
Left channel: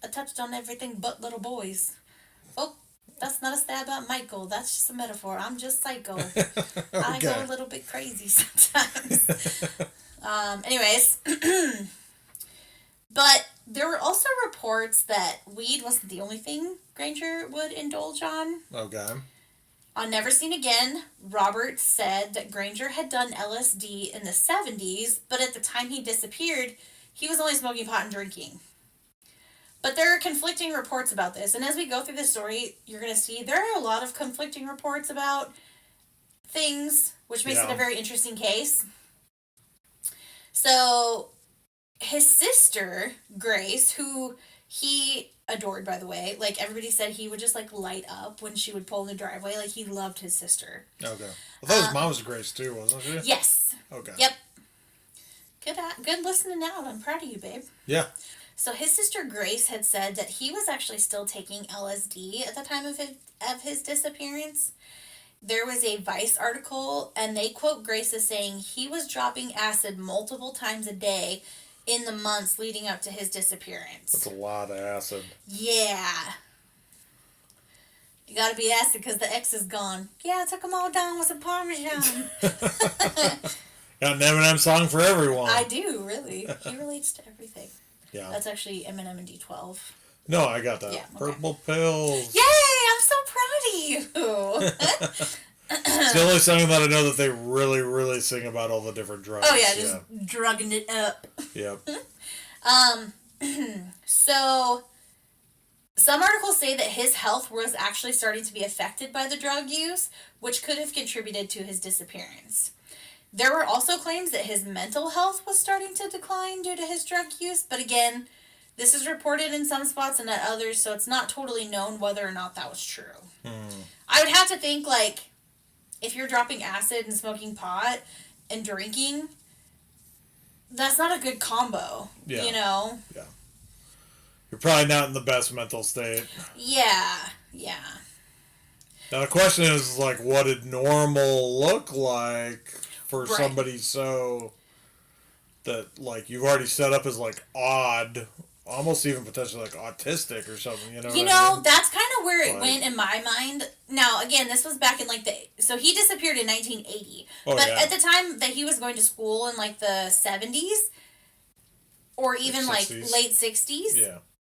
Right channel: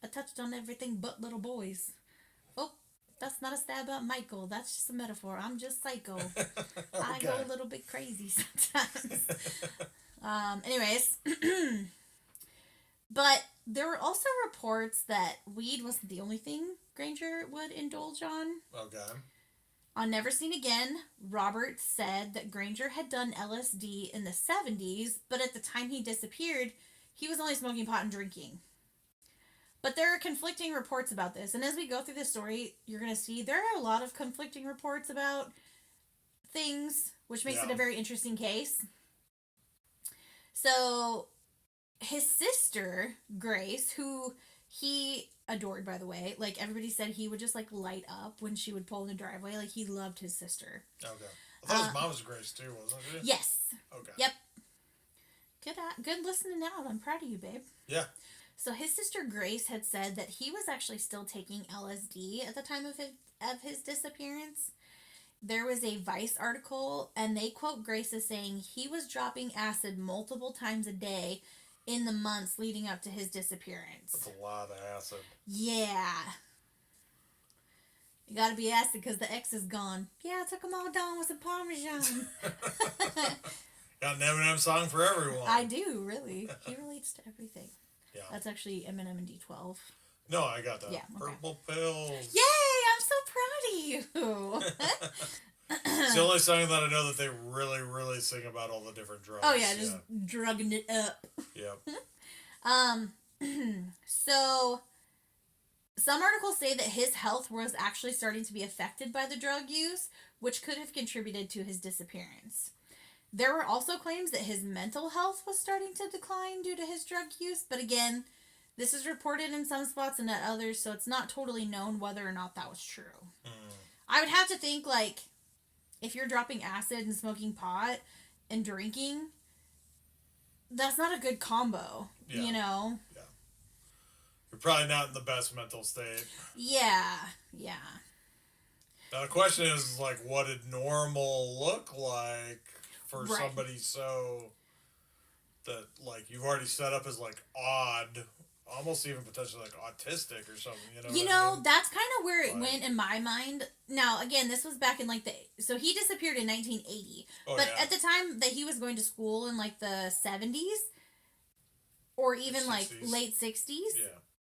I touched on everything but little boys. Oh, that's not a stab at Michael. That's just a metaphor. I'm just psycho. Okay. I go a little bit crazy sometimes. Anyways. But there were also reports that weed wasn't the only thing Granger would indulge on. Okay. On Never Seen Again, Robert said that Granger had done LSD in the 70s, but at the time he disappeared, he was only smoking pot and drinking. But there are conflicting reports about this, and as we go through this story, you're going to see there are a lot of conflicting reports about things, which makes it a very interesting case. So his sister, Grace, who he adored, by the way, like everybody said he would just like light up when she would pull in the driveway. Like he loved his sister. Okay. I thought his mom was Grace too, wasn't she? Yes. Okay. Yep. Good listening out. I'm proud of you, babe. Yeah. So his sister Grace had said that he was actually still taking LSD at the time of his disappearance. There was a Vice article, and they quote Grace as saying he was dropping acid multiple times a day in the months leading up to his disappearance. That's a lot of acid. Yeah. You gotta be acid because the ex is gone. Yeah, I took them all down with some Parmesan. Got an Eminem song for everyone. I do, really. He relates to everything. Yeah. That's actually Eminem and D12. No, I got that. Yeah, okay. Purple Pills. Yay! I'm so proud of you. It's the only song that I know that they really, really sing about all the different drugs. Oh yeah, just drugging it up. Yep. So some articles say that his health was actually starting to be affected by the drug use, which could have contributed to his disappearance. There were also claims that his mental health was starting to decline due to his drug use, but again, this is reported in some spots and at others, so it's not totally known whether or not that was true. I would have to think, like, if you're dropping acid and smoking pot and drinking, that's not a good combo, you know? Yeah. You're probably not in the best mental state. Yeah. Now the question is, like, what did normal look like for somebody so that, like, you've already set up as, like, odd, almost even potentially, like, autistic or something, you know? I mean? That's kind of where it went in my mind. Now, again, this was back in, like, so he disappeared in 1980. At the time that he was going to school in, like, the 70s, or even, like, late 60s,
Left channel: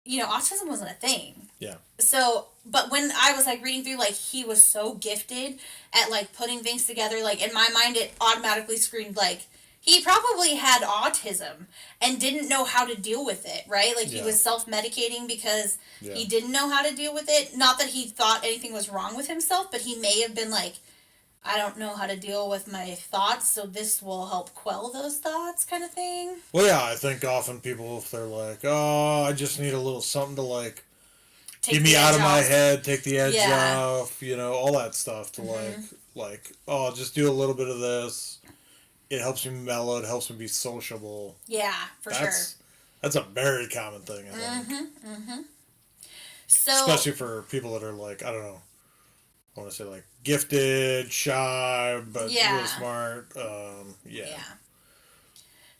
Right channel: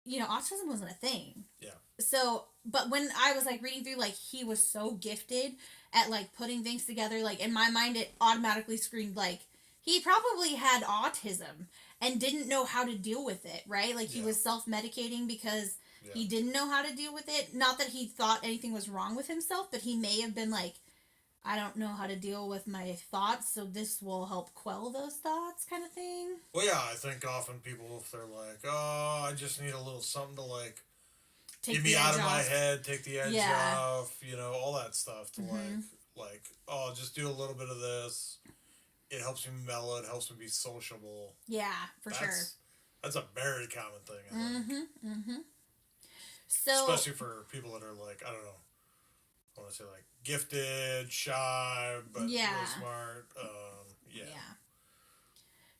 you know, autism wasn't a thing. Yeah. So, but when I was, like, reading through, like, he was so gifted at, like, putting things together, like, in my mind, it automatically screamed, like, he probably had autism and didn't know how to deal with it, right? Like, he was self-medicating because he didn't know how to deal with it. Not that he thought anything was wrong with himself, but he may have been like, I don't know how to deal with my thoughts, so this will help quell those thoughts, kind of thing. Well, yeah, I think often people, if they're like, oh, I just need a little something to, like, get me out of my head, take the edge off, you know, all that stuff to, like, oh, I'll just do a little bit of this. It helps me mellow. It helps me be sociable. Yeah, for sure. That's a very common thing, I think. So, especially for people that are, like, I don't know, I want to say, like, gifted, shy, but really smart. Yeah.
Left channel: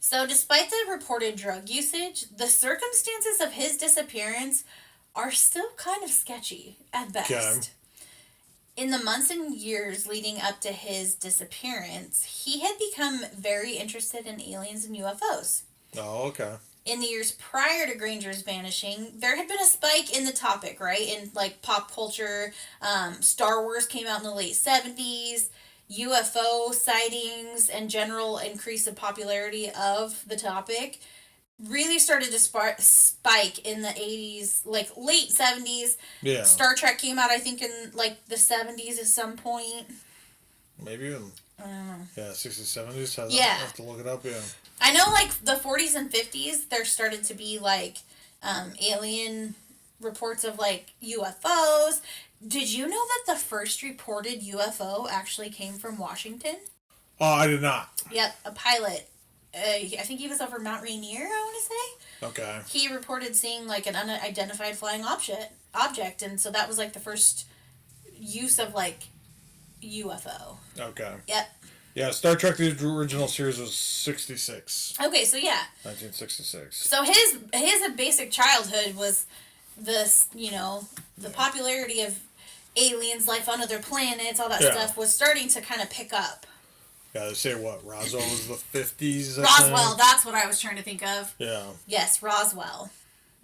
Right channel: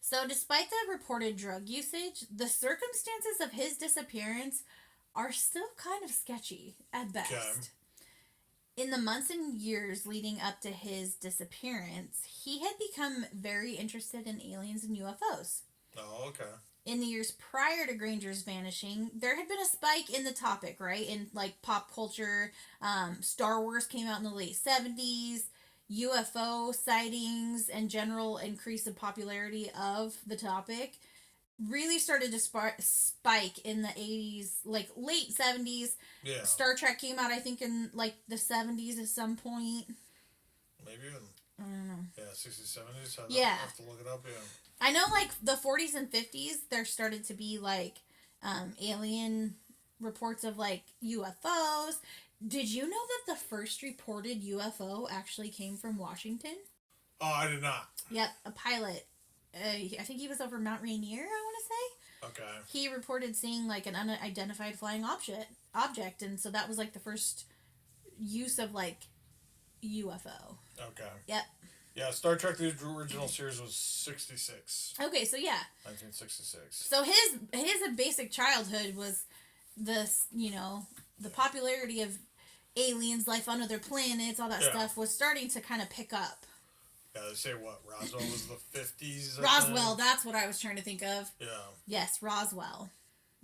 So despite the reported drug usage, the circumstances of his disappearance are still kind of sketchy at best. Okay. In the months and years leading up to his disappearance, he had become very interested in aliens and UFOs. Oh, okay. In the years prior to Granger's vanishing, there had been a spike in the topic, right? In, like, pop culture. Star Wars came out in the late 70s. UFO sightings and general increase of popularity of the topic really started to spike in the 80s, like, late 70s. Yeah. Star Trek came out, I think, in, like, the 70s at some point. Maybe in... Yeah, 60s, 70s. I have to look it up, I know, like, the 40s and 50s, there started to be, like, alien reports of, like, UFOs. Did you know that the first reported UFO actually came from Washington? Oh, I did not. Yep, a pilot. I think he was over Mount Rainier, I want to say. Okay. He reported seeing, like, an unidentified flying object, and so that was, like, the first use of, like, UFO. Okay. Yep. Yeah, Star Trek, the original series was 66. Okay, so yeah. 1966. So his basic childhood was this, you know, the popularity of aliens, life on other planets, all that stuff was starting to kind of pick up. Yeah, they say what? Roswell was the 50s? Roswell, that's what I was trying to think of. Yeah. Yes, Roswell.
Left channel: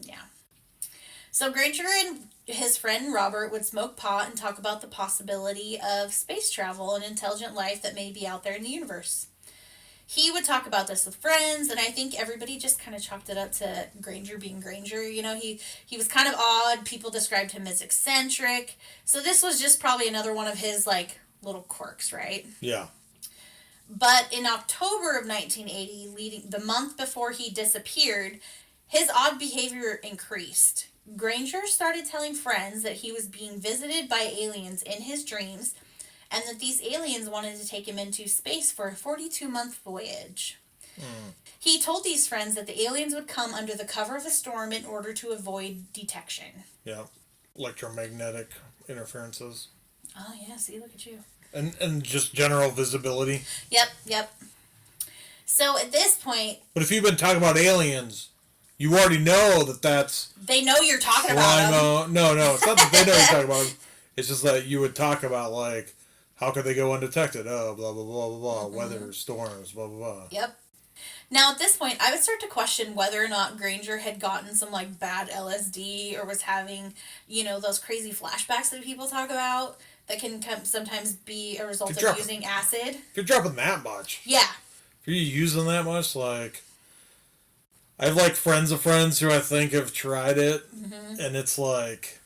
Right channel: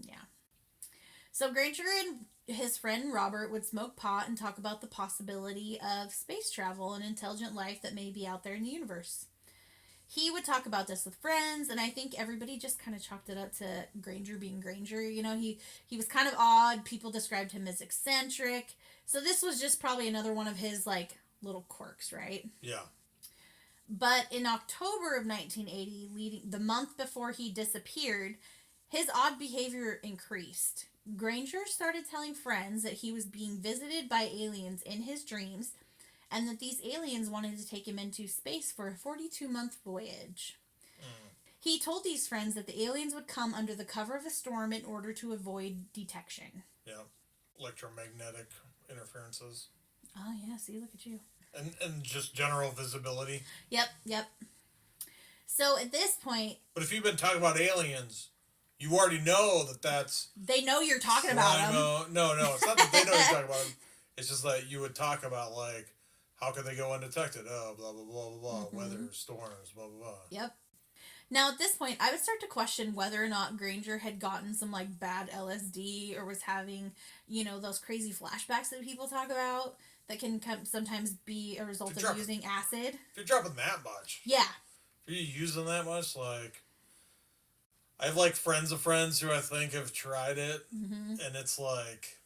Yeah. So Granger and his friend Robert would smoke pot and talk about the possibility of space travel and intelligent life that may be out there in the universe. He would talk about this with friends, and I think everybody just kind of chalked it up to Granger being Granger. You know, he was kind of odd. People described him as eccentric. So this was just probably another one of his, like, little quirks, right? Yeah. But in October of 1980, the month before he disappeared, his odd behavior increased. Granger started telling friends that he was being visited by aliens in his dreams and that these aliens wanted to take him into space for a 42-month voyage. Mm. He told these friends that the aliens would come under the cover of a storm in order to avoid detection. Yeah. Electromagnetic interferences. Oh, yeah, see, look at you. And just general visibility. Yep. So at this point... But if you've been talking about aliens, you already know that that's... They know you're talking about them. No, it's not that they know you're talking about them. It's just that you would talk about, like, how could they go undetected? Oh, blah, blah, blah, blah, blah. Mm-hmm. Weather, storms, blah, blah, blah. Yep. Now, at this point, I would start to question whether or not Granger had gotten some, like, bad LSD or was having, those crazy flashbacks that people talk about that can sometimes be a result of using acid. If you're dropping that much. Yeah. If you're using that much, like... I have, like, friends of friends who I think have tried it, mm-hmm. and it's, like,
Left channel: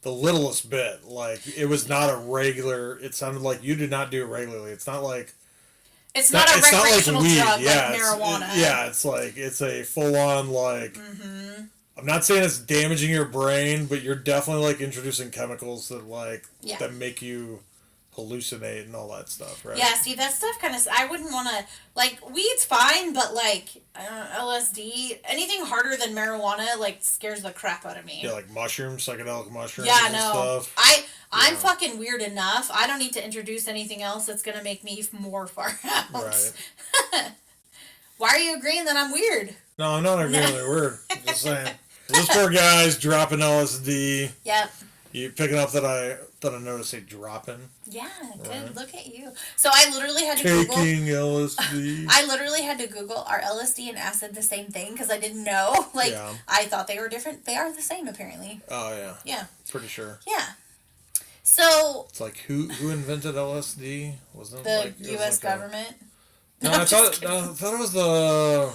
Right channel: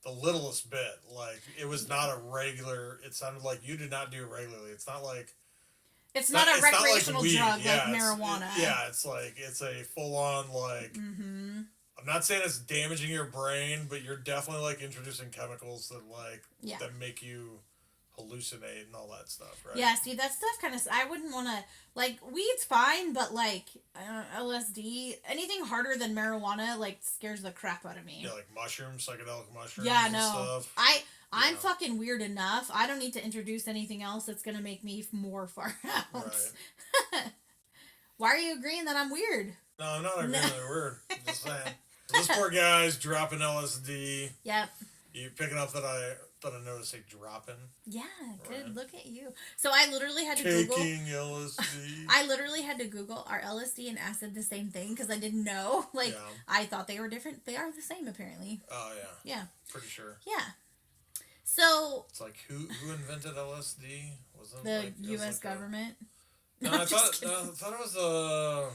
the littlest bit. Like, it was not a regular... It sounded like you did not do it regularly. It's not like... It's not a recreational drug like marijuana. It's like, it's a full-on, like... Mm-hmm. I'm not saying it's damaging your brain, but you're definitely, like, introducing chemicals that, like, that make you hallucinate and all that stuff, right? Yeah, see, that stuff kind of... I wouldn't want to... Like, weed's fine, but, like, LSD... Anything harder than marijuana, like, scares the crap out of me. Yeah, like mushrooms, psychedelic mushrooms and stuff. I'm fucking weird enough. I don't need to introduce anything else that's going to make me more far out. Right. Why are you agreeing that I'm weird? No, I'm not agreeing that you're weird. I'm just saying. This poor guy's dropping LSD. Yep. You picking up that I noticed a dropping? Yeah, good. Right. Look at you. So I literally had to Taking LSD. I literally had to Google, are LSD and acid the same thing? Because I didn't know. Like, I thought they were different. They are the same, apparently. Oh, yeah. Yeah. Pretty sure. Yeah. So... It's like, who invented LSD? Wasn't the like, U.S. government? No, I thought it was the...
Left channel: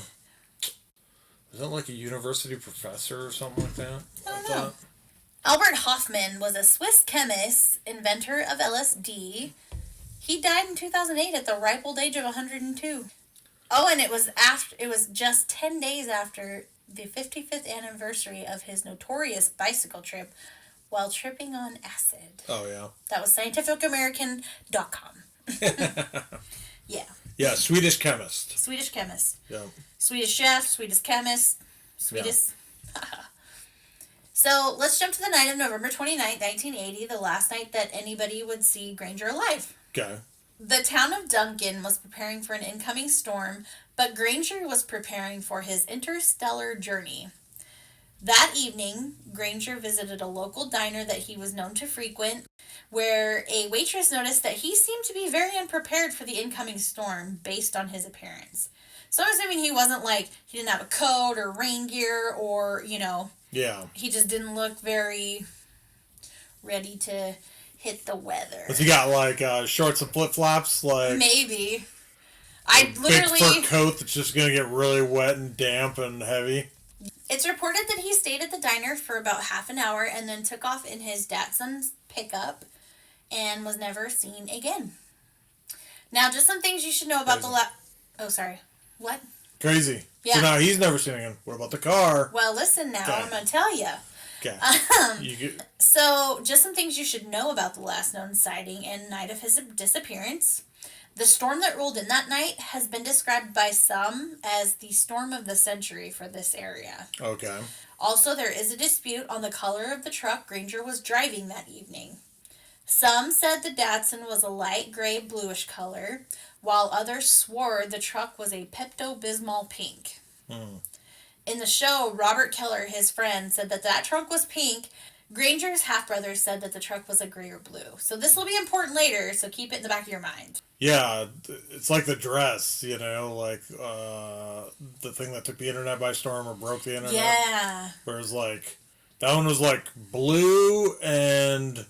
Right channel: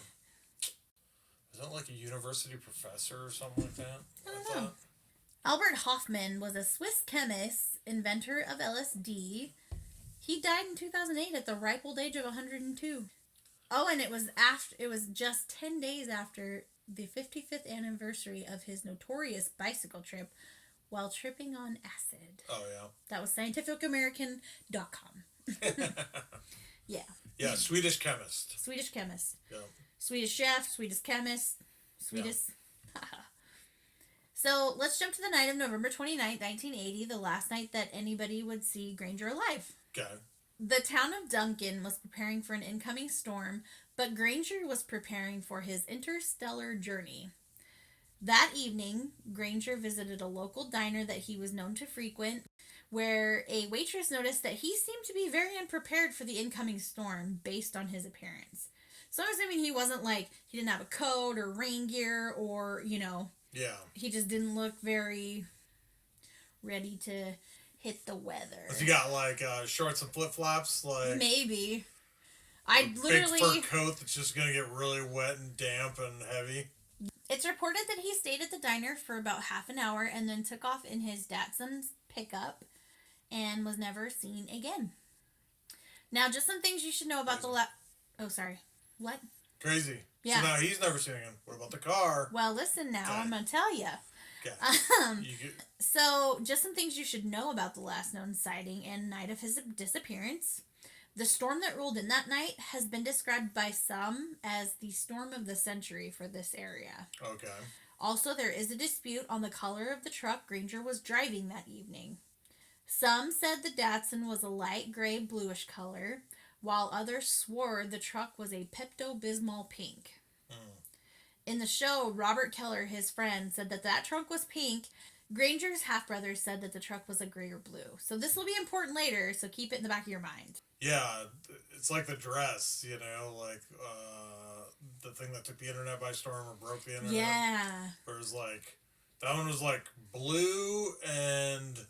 Was that like a university professor or something like that? I don't know. Albert Hofmann was a Swiss chemist, inventor of LSD. He died in 2008 at the ripe old age of 102. Oh, and it was just 10 days after the 55th anniversary of his notorious bicycle trip while tripping on acid. Oh, yeah. That was scientificamerican.com. Yeah. Yeah, Swedish chemist. Swedish chemist. Yeah. Swedish chef, Swedish chemist, Swedish... Yeah. So, let's jump to the night of November 29th, 1980, the last night that anybody would see Granger alive. Okay. The town of Duncan was preparing for an incoming storm, but Granger was preparing for his interstellar journey. That evening, Granger visited a local diner that he was known to frequent, where a waitress noticed that he seemed to be very unprepared for the incoming storm based on his appearance. So I'm assuming he wasn't like, he didn't have a coat or rain gear or, Yeah. He just didn't look very ready to hit the weather. But he got like shorts and flip-flops, like... Maybe. Big fur coat that's just going to get really wet and damp and heavy. It's reported that he stayed at the diner for about half an hour and then took off in his Datsun's pickup and was never seen again. Now, just some things you should know about Oh, sorry. What? Crazy. Yeah. So now he's never seen again. What about the car? Well, listen now. Okay. I'm going to tell you. Okay. So, just some things you should know about the last known sighting and night of his disappearance. The storm that rolled in that night has been described by some as the storm of the century for this area. Okay. Also, there is a dispute on the color of the truck Granger was driving that evening. Some said the Datsun was a light gray bluish color, while others swore the truck was a Pepto-Bismol pink. In the show, Robert Keller, his friend, said that truck was pink. Granger's half-brother said that the truck was a gray or blue. So this will be important later, so keep it in the back of your mind. Yeah, it's like the dress, like the thing that took the internet by storm or broke the internet. Yeah. Whereas like, that one was like blue and...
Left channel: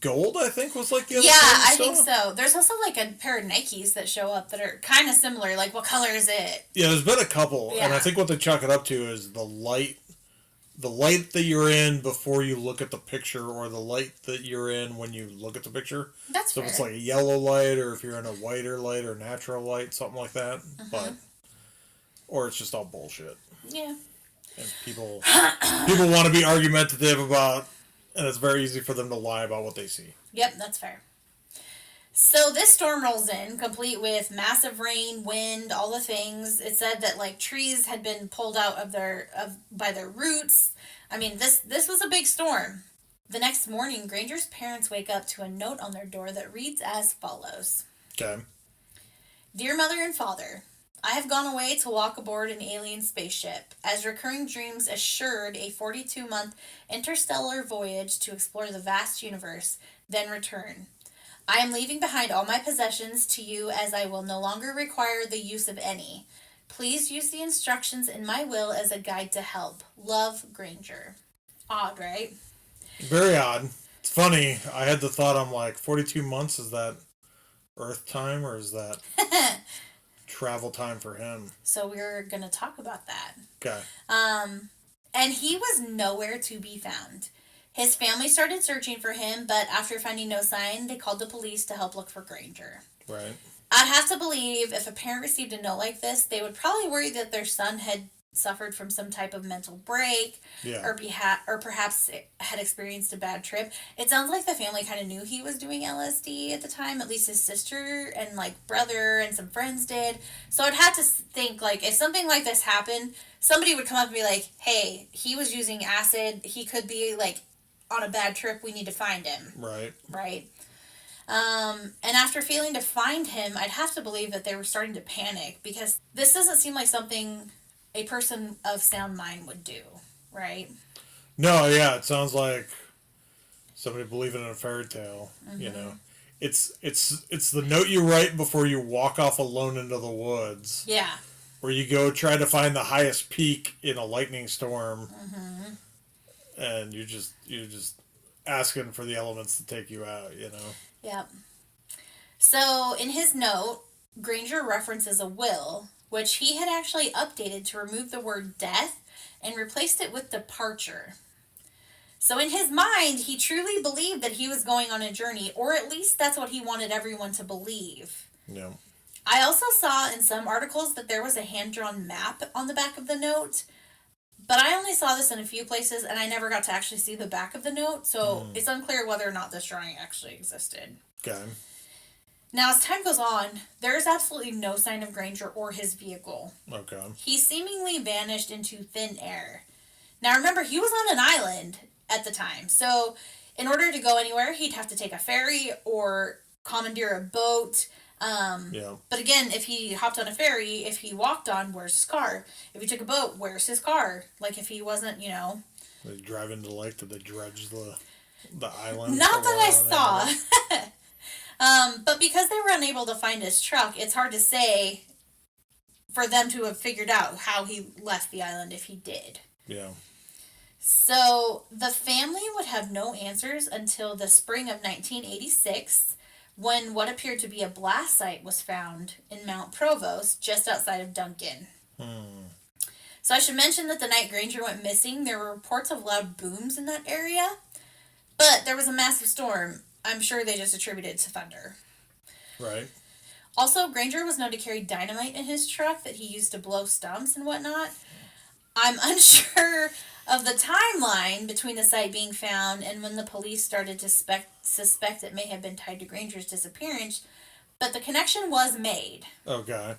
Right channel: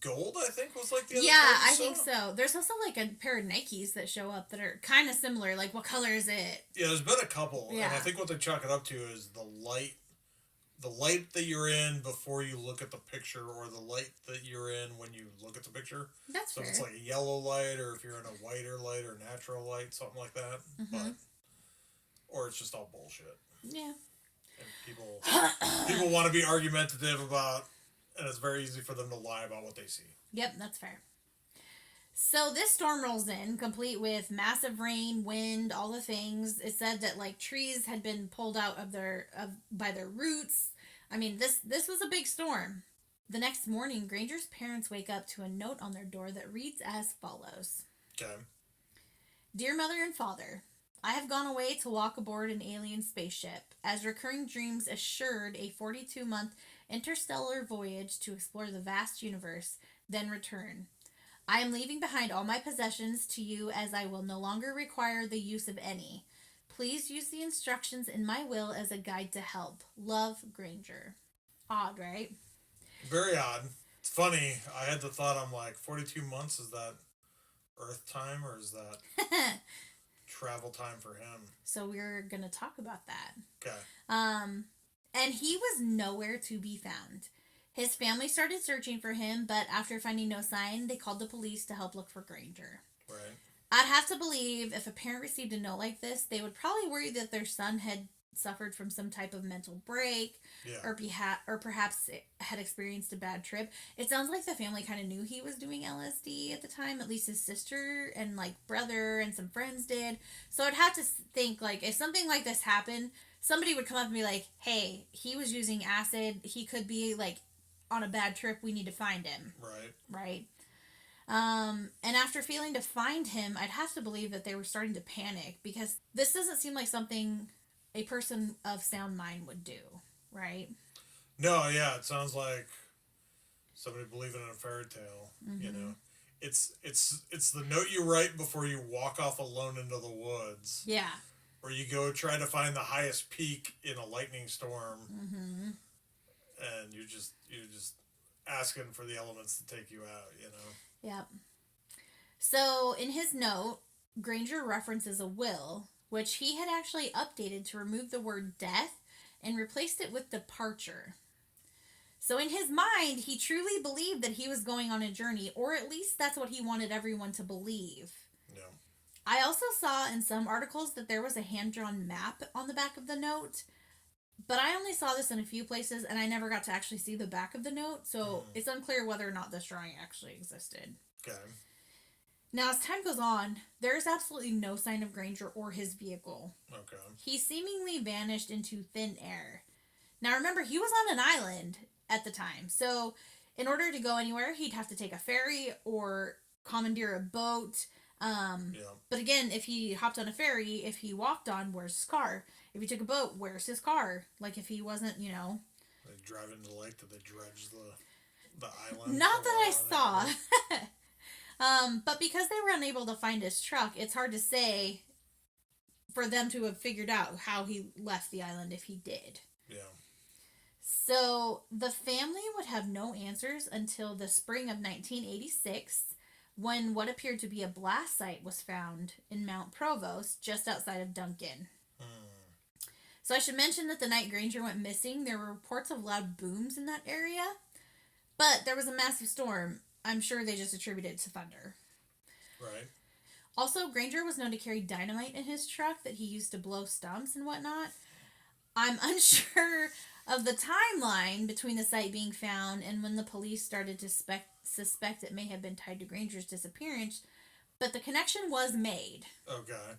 gold, I think, was like the other I think so. There's also like a pair of Nikes that show up that are kind of similar. Like, what color is it? Yeah, there's been a couple. Yeah. And I think what they chalk it up to is the light the light that you're in before you look at the picture, or the light that you're in when you look at the picture. That's So fair. if it's like a yellow light, or if you're in a whiter light or natural light, something like that. But or it's just all bullshit. Yeah. And people want to be argumentative about, and it's very easy for them to lie about what they see. Yep, that's fair. So this storm rolls in, complete with massive rain, wind, all the things. It said that like trees had been pulled out by their roots. I mean, this was a big storm. The next morning, Granger's parents wake up to a note on their door that reads as follows. Okay. Dear Mother and Father, I have gone away to walk aboard an alien spaceship, as recurring dreams assured a 42-month interstellar voyage to explore the vast universe, then return. I am leaving behind all my possessions to you, as I will no longer require the use of any. Please use the instructions in my will as a guide to help. Love, Granger. Odd, right? Very odd. It's funny. I had the thought, I'm like, 42 months, is that Earth time, or is that travel time for him? So we're going to talk about that. Okay. And he was nowhere to be found. His family started searching for him, but after finding no sign, they called the police to help look for Granger. Right. I'd have to believe if a parent received a note like this, they would probably worry that their son had suffered from some type of mental break, Yeah. or perhaps had experienced a bad trip. It sounds like the family kind of knew he was doing LSD at the time. At least his sister and like brother and some friends did. So I'd have to think, like, if something like this happened, somebody would come up and be like, "Hey, he was using acid. He could be like on a bad trip. We need to find him." Right. Right. And after failing to find him, I'd have to believe that they were starting to panic, because this doesn't seem like something a person of sound mind would do, right? No, yeah, it sounds like somebody believing in a fairy tale. You know, it's the note you write before you walk off alone into the woods. Yeah. Where you go try to find the highest peak in a lightning storm, and you're just asking for the elements to take you out. You know. Yep. So in his note, Granger references a will, which he had actually updated to remove the word death and replaced it with departure. So in his mind, he truly believed that he was going on a journey, or at least that's what he wanted everyone to believe. Yeah. I also saw in some articles that there was a hand-drawn map on the back of the note, but I only saw this in a few places, and I never got to actually see the back of the note, so it's unclear whether or not this drawing actually existed. Okay. Now, as time goes on, there is absolutely no sign of Granger or his vehicle. Okay. He seemingly vanished into thin air. Now, remember, he was on an island at the time, so in order to go anywhere, he'd have to take a ferry or commandeer a boat. Yeah. But again, if he hopped on a ferry, if he walked on, where's his car? If he took a boat, where's his car? Like, if he wasn't, They drive into the lake, did they dredge the island? Not that I saw. But because they were unable to find his truck, it's hard to say for them to have figured out how he left the island if he did. Yeah. So the family would have no answers until the spring of 1986, when what appeared to be a blast site was found in Mount Provost, just outside of Duncan. So I should mention that the night Granger went missing, there were reports of loud booms in that area, but there was a massive storm. I'm sure they just attributed it to thunder. Right. Also, Granger was known to carry dynamite in his truck that he used to blow stumps and whatnot. I'm unsure of the timeline between the site being found and when the police started to suspect it may have been tied to Granger's disappearance, but the connection was made. Okay.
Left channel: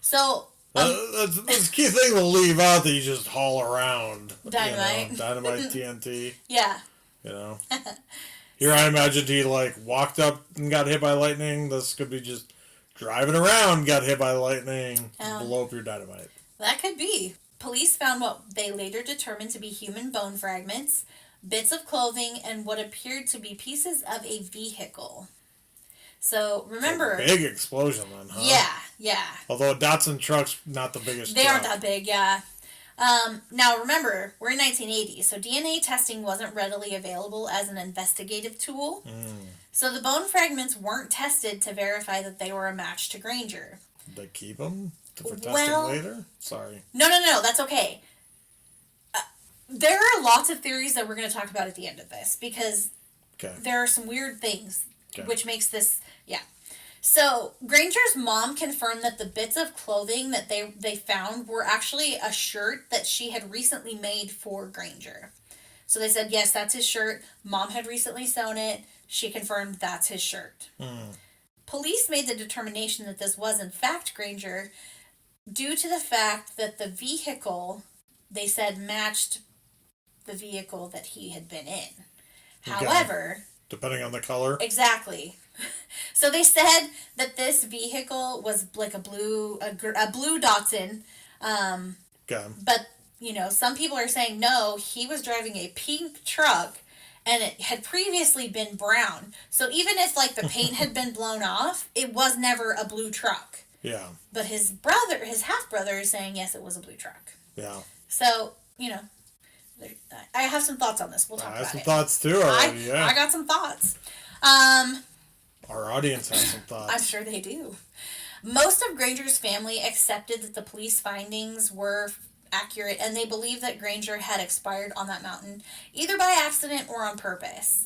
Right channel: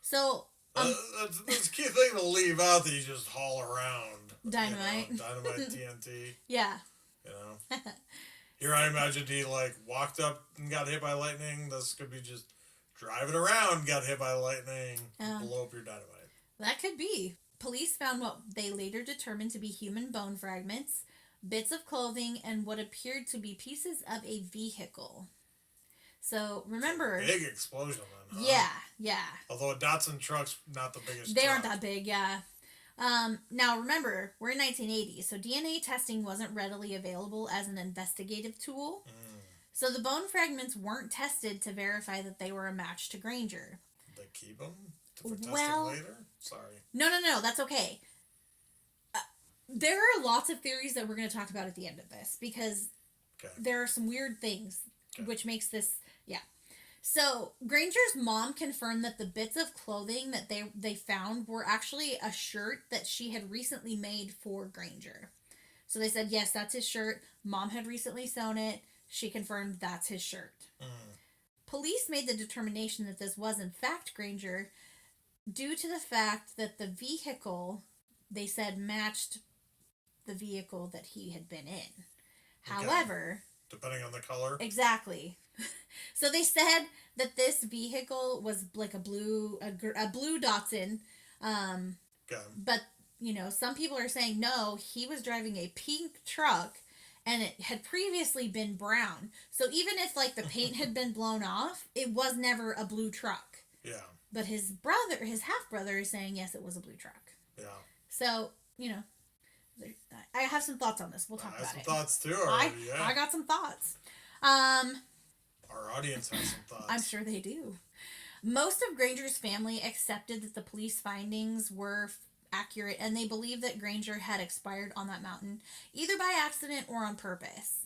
So... that's the key thing to leave out, that you just haul around. Dynamite. Dynamite, TNT. Yeah. Here I imagined he walked up and got hit by lightning. This could be just driving around, got hit by lightning, blow up your dynamite. That could be. Police found what they later determined to be human bone fragments, bits of clothing, and what appeared to be pieces of a vehicle. So, remember... Big explosion then, huh? Yeah. Although a Datsun truck's not the biggest They truck. aren't that big, yeah. Now, remember, we're in 1980, so DNA testing wasn't readily available as an investigative tool. So the bone fragments weren't tested to verify that they were a match to Granger. Did they keep them for testing later? Sorry. No, that's okay. There are lots of theories that we're going to talk about at the end of this because there are some weird things, which makes this, yeah. So, Granger's mom confirmed that the bits of clothing that they found were actually a shirt that she had recently made for Granger. So they said, yes, that's his shirt. Mom had recently sewn it. She confirmed that's his shirt. Police made the determination that this was in fact Granger due to the fact that the vehicle, they said, matched the vehicle that he had been in. However... Depending on the color? Exactly. So they said that this vehicle was like a blue Datsun. But, some people are saying, no, he was driving a pink truck and it had previously been brown. So even if, like, the paint had been blown off, it was never a blue truck. Yeah. But his half-brother is saying, yes, it was a blue truck. Yeah. So, I have some thoughts on this. We'll talk about it. I have some thoughts, too, already, I got some thoughts. Our audience has some thoughts. I'm sure they do. Most of Granger's family accepted that the police findings were accurate, and they believed that Granger had expired on that mountain, either by accident or on purpose.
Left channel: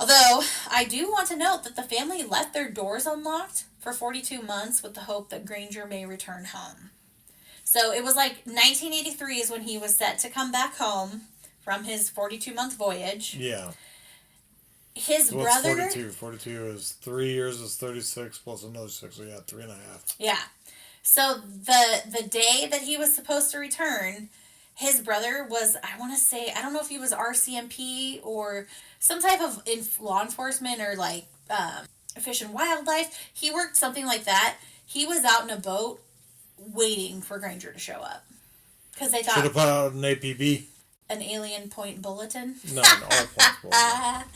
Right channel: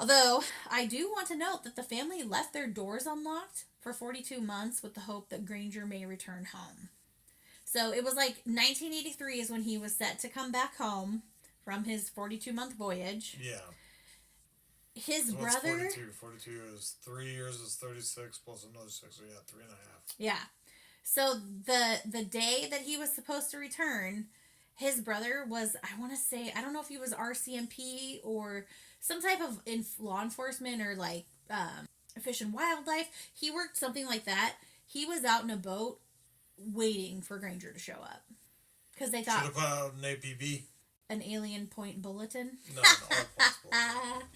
Although, I do want to note that the family left their doors unlocked for 42 months with the hope that Granger may return home. So it was like 1983 is when he was set to come back home from his 42-month voyage. Yeah. His brother... 42 is 3 years is 36 plus another 6, so yeah, 3.5. Yeah. So the day that he was supposed to return, his brother was, I want to say, I don't know if he was RCMP or some type of law enforcement or like Fish and Wildlife. He worked something like that. He was out in a boat waiting for Granger to show up. Because they thought... Should have put out an APB. An alien point bulletin? No, an all points bulletin.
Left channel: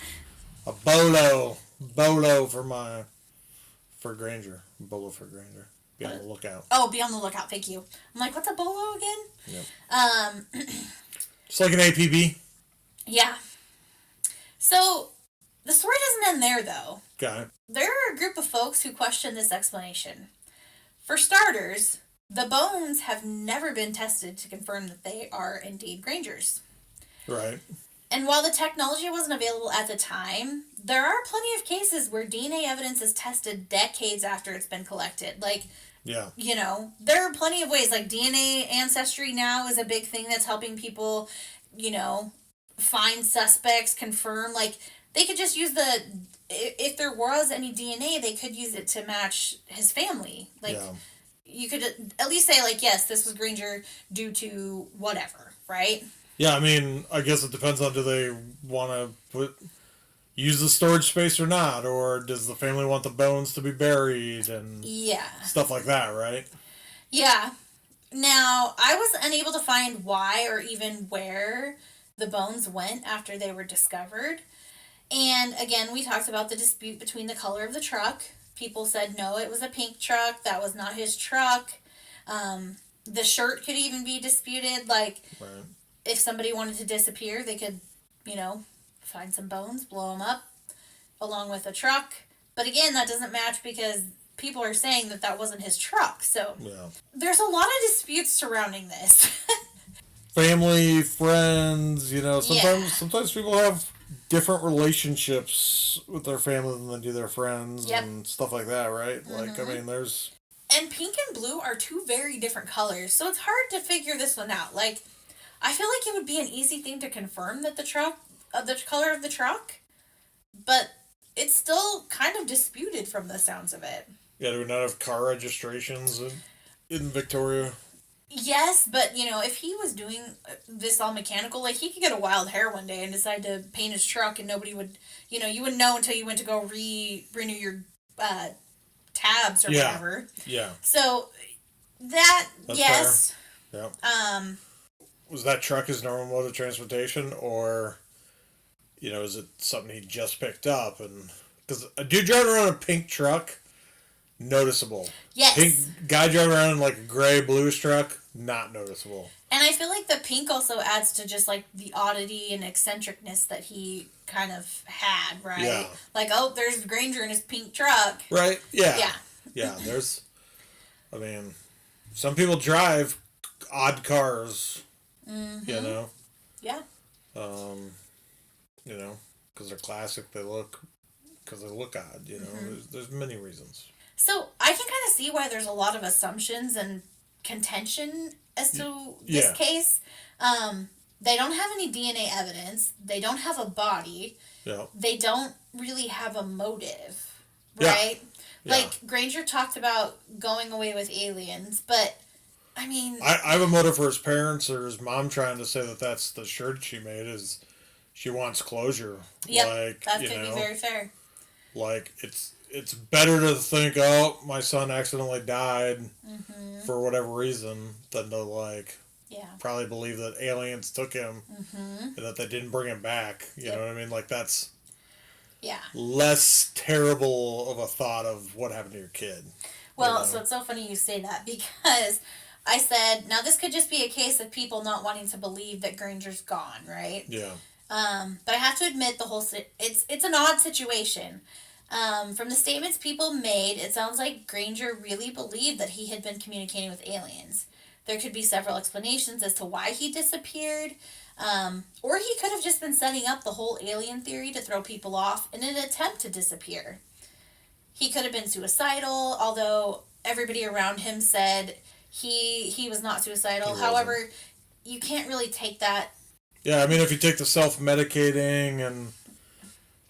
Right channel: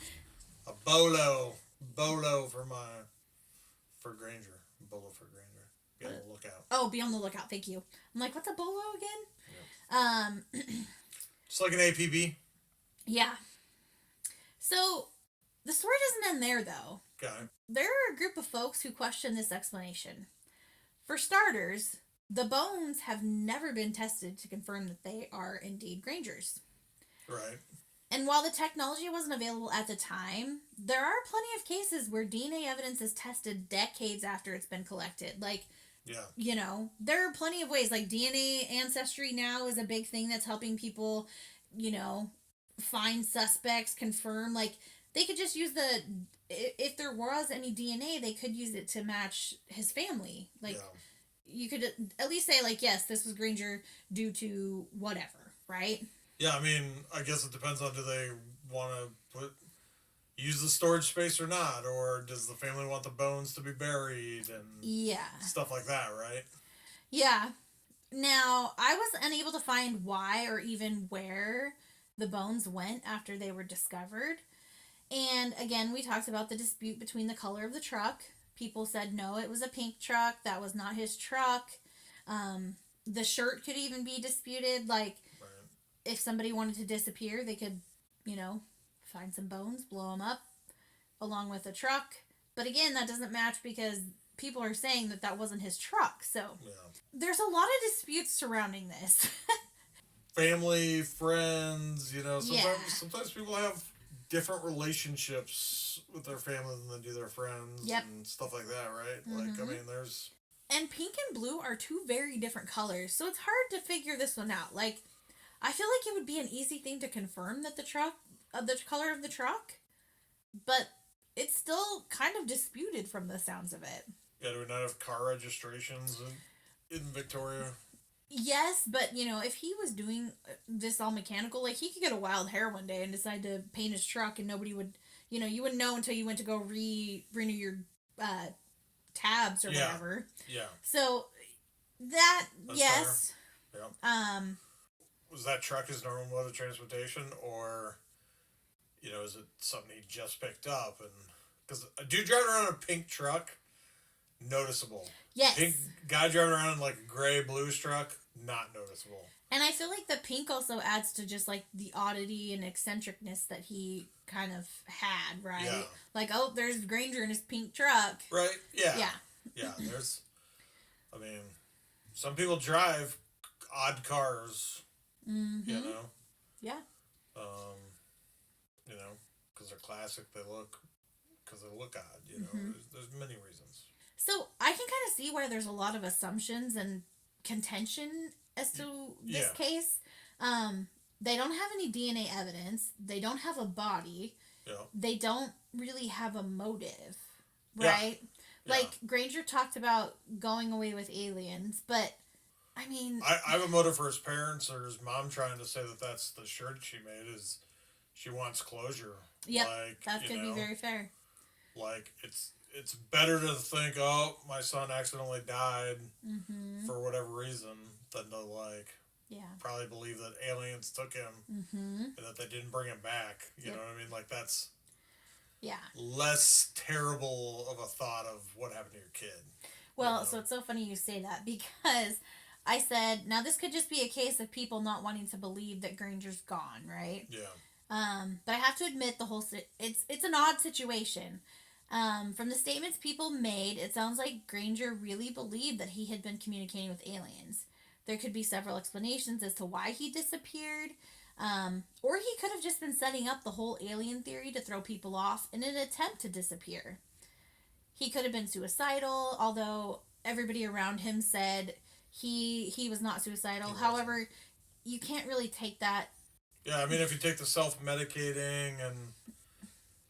A bolo for Granger. Bolo for Granger. Be on the lookout. Oh, be on the lookout. Thank you. I'm like, what's a bolo again? Yep. It's like an APB. Yeah. So, the story doesn't end there, though. Got it. There are a group of folks who question this explanation. For starters, the bones have never been tested to confirm that they are indeed Granger's. Right. And while the technology wasn't available at the time, there are plenty of cases where DNA evidence is tested decades after it's been collected. Like, yeah. There are plenty of ways. Like, DNA ancestry now is a big thing that's helping people, find suspects, confirm. Like, they could just use if there was any DNA, they could use it to match his family. Like, you could at least say, like, yes, this was Granger due to whatever, right? Yeah, I mean, I guess it depends on do they want to use the storage space or not, or does the family want the bones to be buried and stuff like that, right? Yeah. Now, I was unable to find why or even where the bones went after they were discovered. And again, we talked about the dispute between the color of the truck. People said, no, it was a pink truck. That was not his truck. The shirt could even be disputed. Like, right. If somebody wanted to disappear, they could, find some bones, blow them up, along with a truck. But again, that doesn't match because people are saying that wasn't his truck. So there's a lot of disputes surrounding this. Family, friends, sometimes people have different relationships with their family than they do their friends and stuff like that, right? Mm-hmm. Like, I mean, there's... And pink and blue are two very different colors, so it's hard to figure this one out. Like, I feel like it would be an easy thing to confirm that the color of the truck, but it's still kind of disputed from the sounds of it. Yeah, do we not have car registrations in Victoria? Yes, but, if he was doing this all mechanical, like, he could get a wild hair one day and decide to paint his truck and nobody would, you wouldn't know until you went to go renew your tabs or whatever. Yeah. So, that's yes. Fair. Yeah. Was that truck his normal mode of transportation, or, is it something he just picked up? And because a dude driving around a pink truck, noticeable. Yes. Pink guy driving around in like a gray bluish truck, not noticeable. And I feel like the pink also adds to just like the oddity and eccentricness that he kind of had, right? Yeah. Like, oh, there's Granger in his pink truck. Right. Yeah. Yeah. Some people drive odd cars. Mm-hmm. Yeah. Um, you know, because they're classic. Because they look odd. You know, Mm-hmm. there's many reasons. So I can kind of see why there's a lot of assumptions and contention as to this Yeah, case. Um, they don't have any DNA evidence. They don't have a body. yeah, They don't really have a motive, yeah, right? yeah. Like Granger talked about going away with aliens, but I mean, I have a motive for his parents or his mom trying to say that that's the shirt she made is she wants closure. yep, Like, that could be very fair. like it's better to think, oh, my son accidentally died Mm-hmm. for whatever reason than to like Yeah. probably believe that aliens took him Mm-hmm. and that they didn't bring him back. You know Yep. what I mean? Like that's Yeah. less terrible of a thought of what happened to your kid. You Well, know? so it's so funny you say that because I said, now this could just be a case of people not wanting to believe that Granger's gone, right? Yeah. But I have to admit it's an odd situation. From the statements people made, it sounds like Granger really believed that he had been communicating with aliens. There could be several explanations as to why he disappeared, or he could have just been setting up the whole alien theory to throw people off in an attempt to disappear. He could have been suicidal, although everybody around him said he was not He suicidal. wasn't. However, you can't really take that. Yeah, I mean, if you take the self medicating and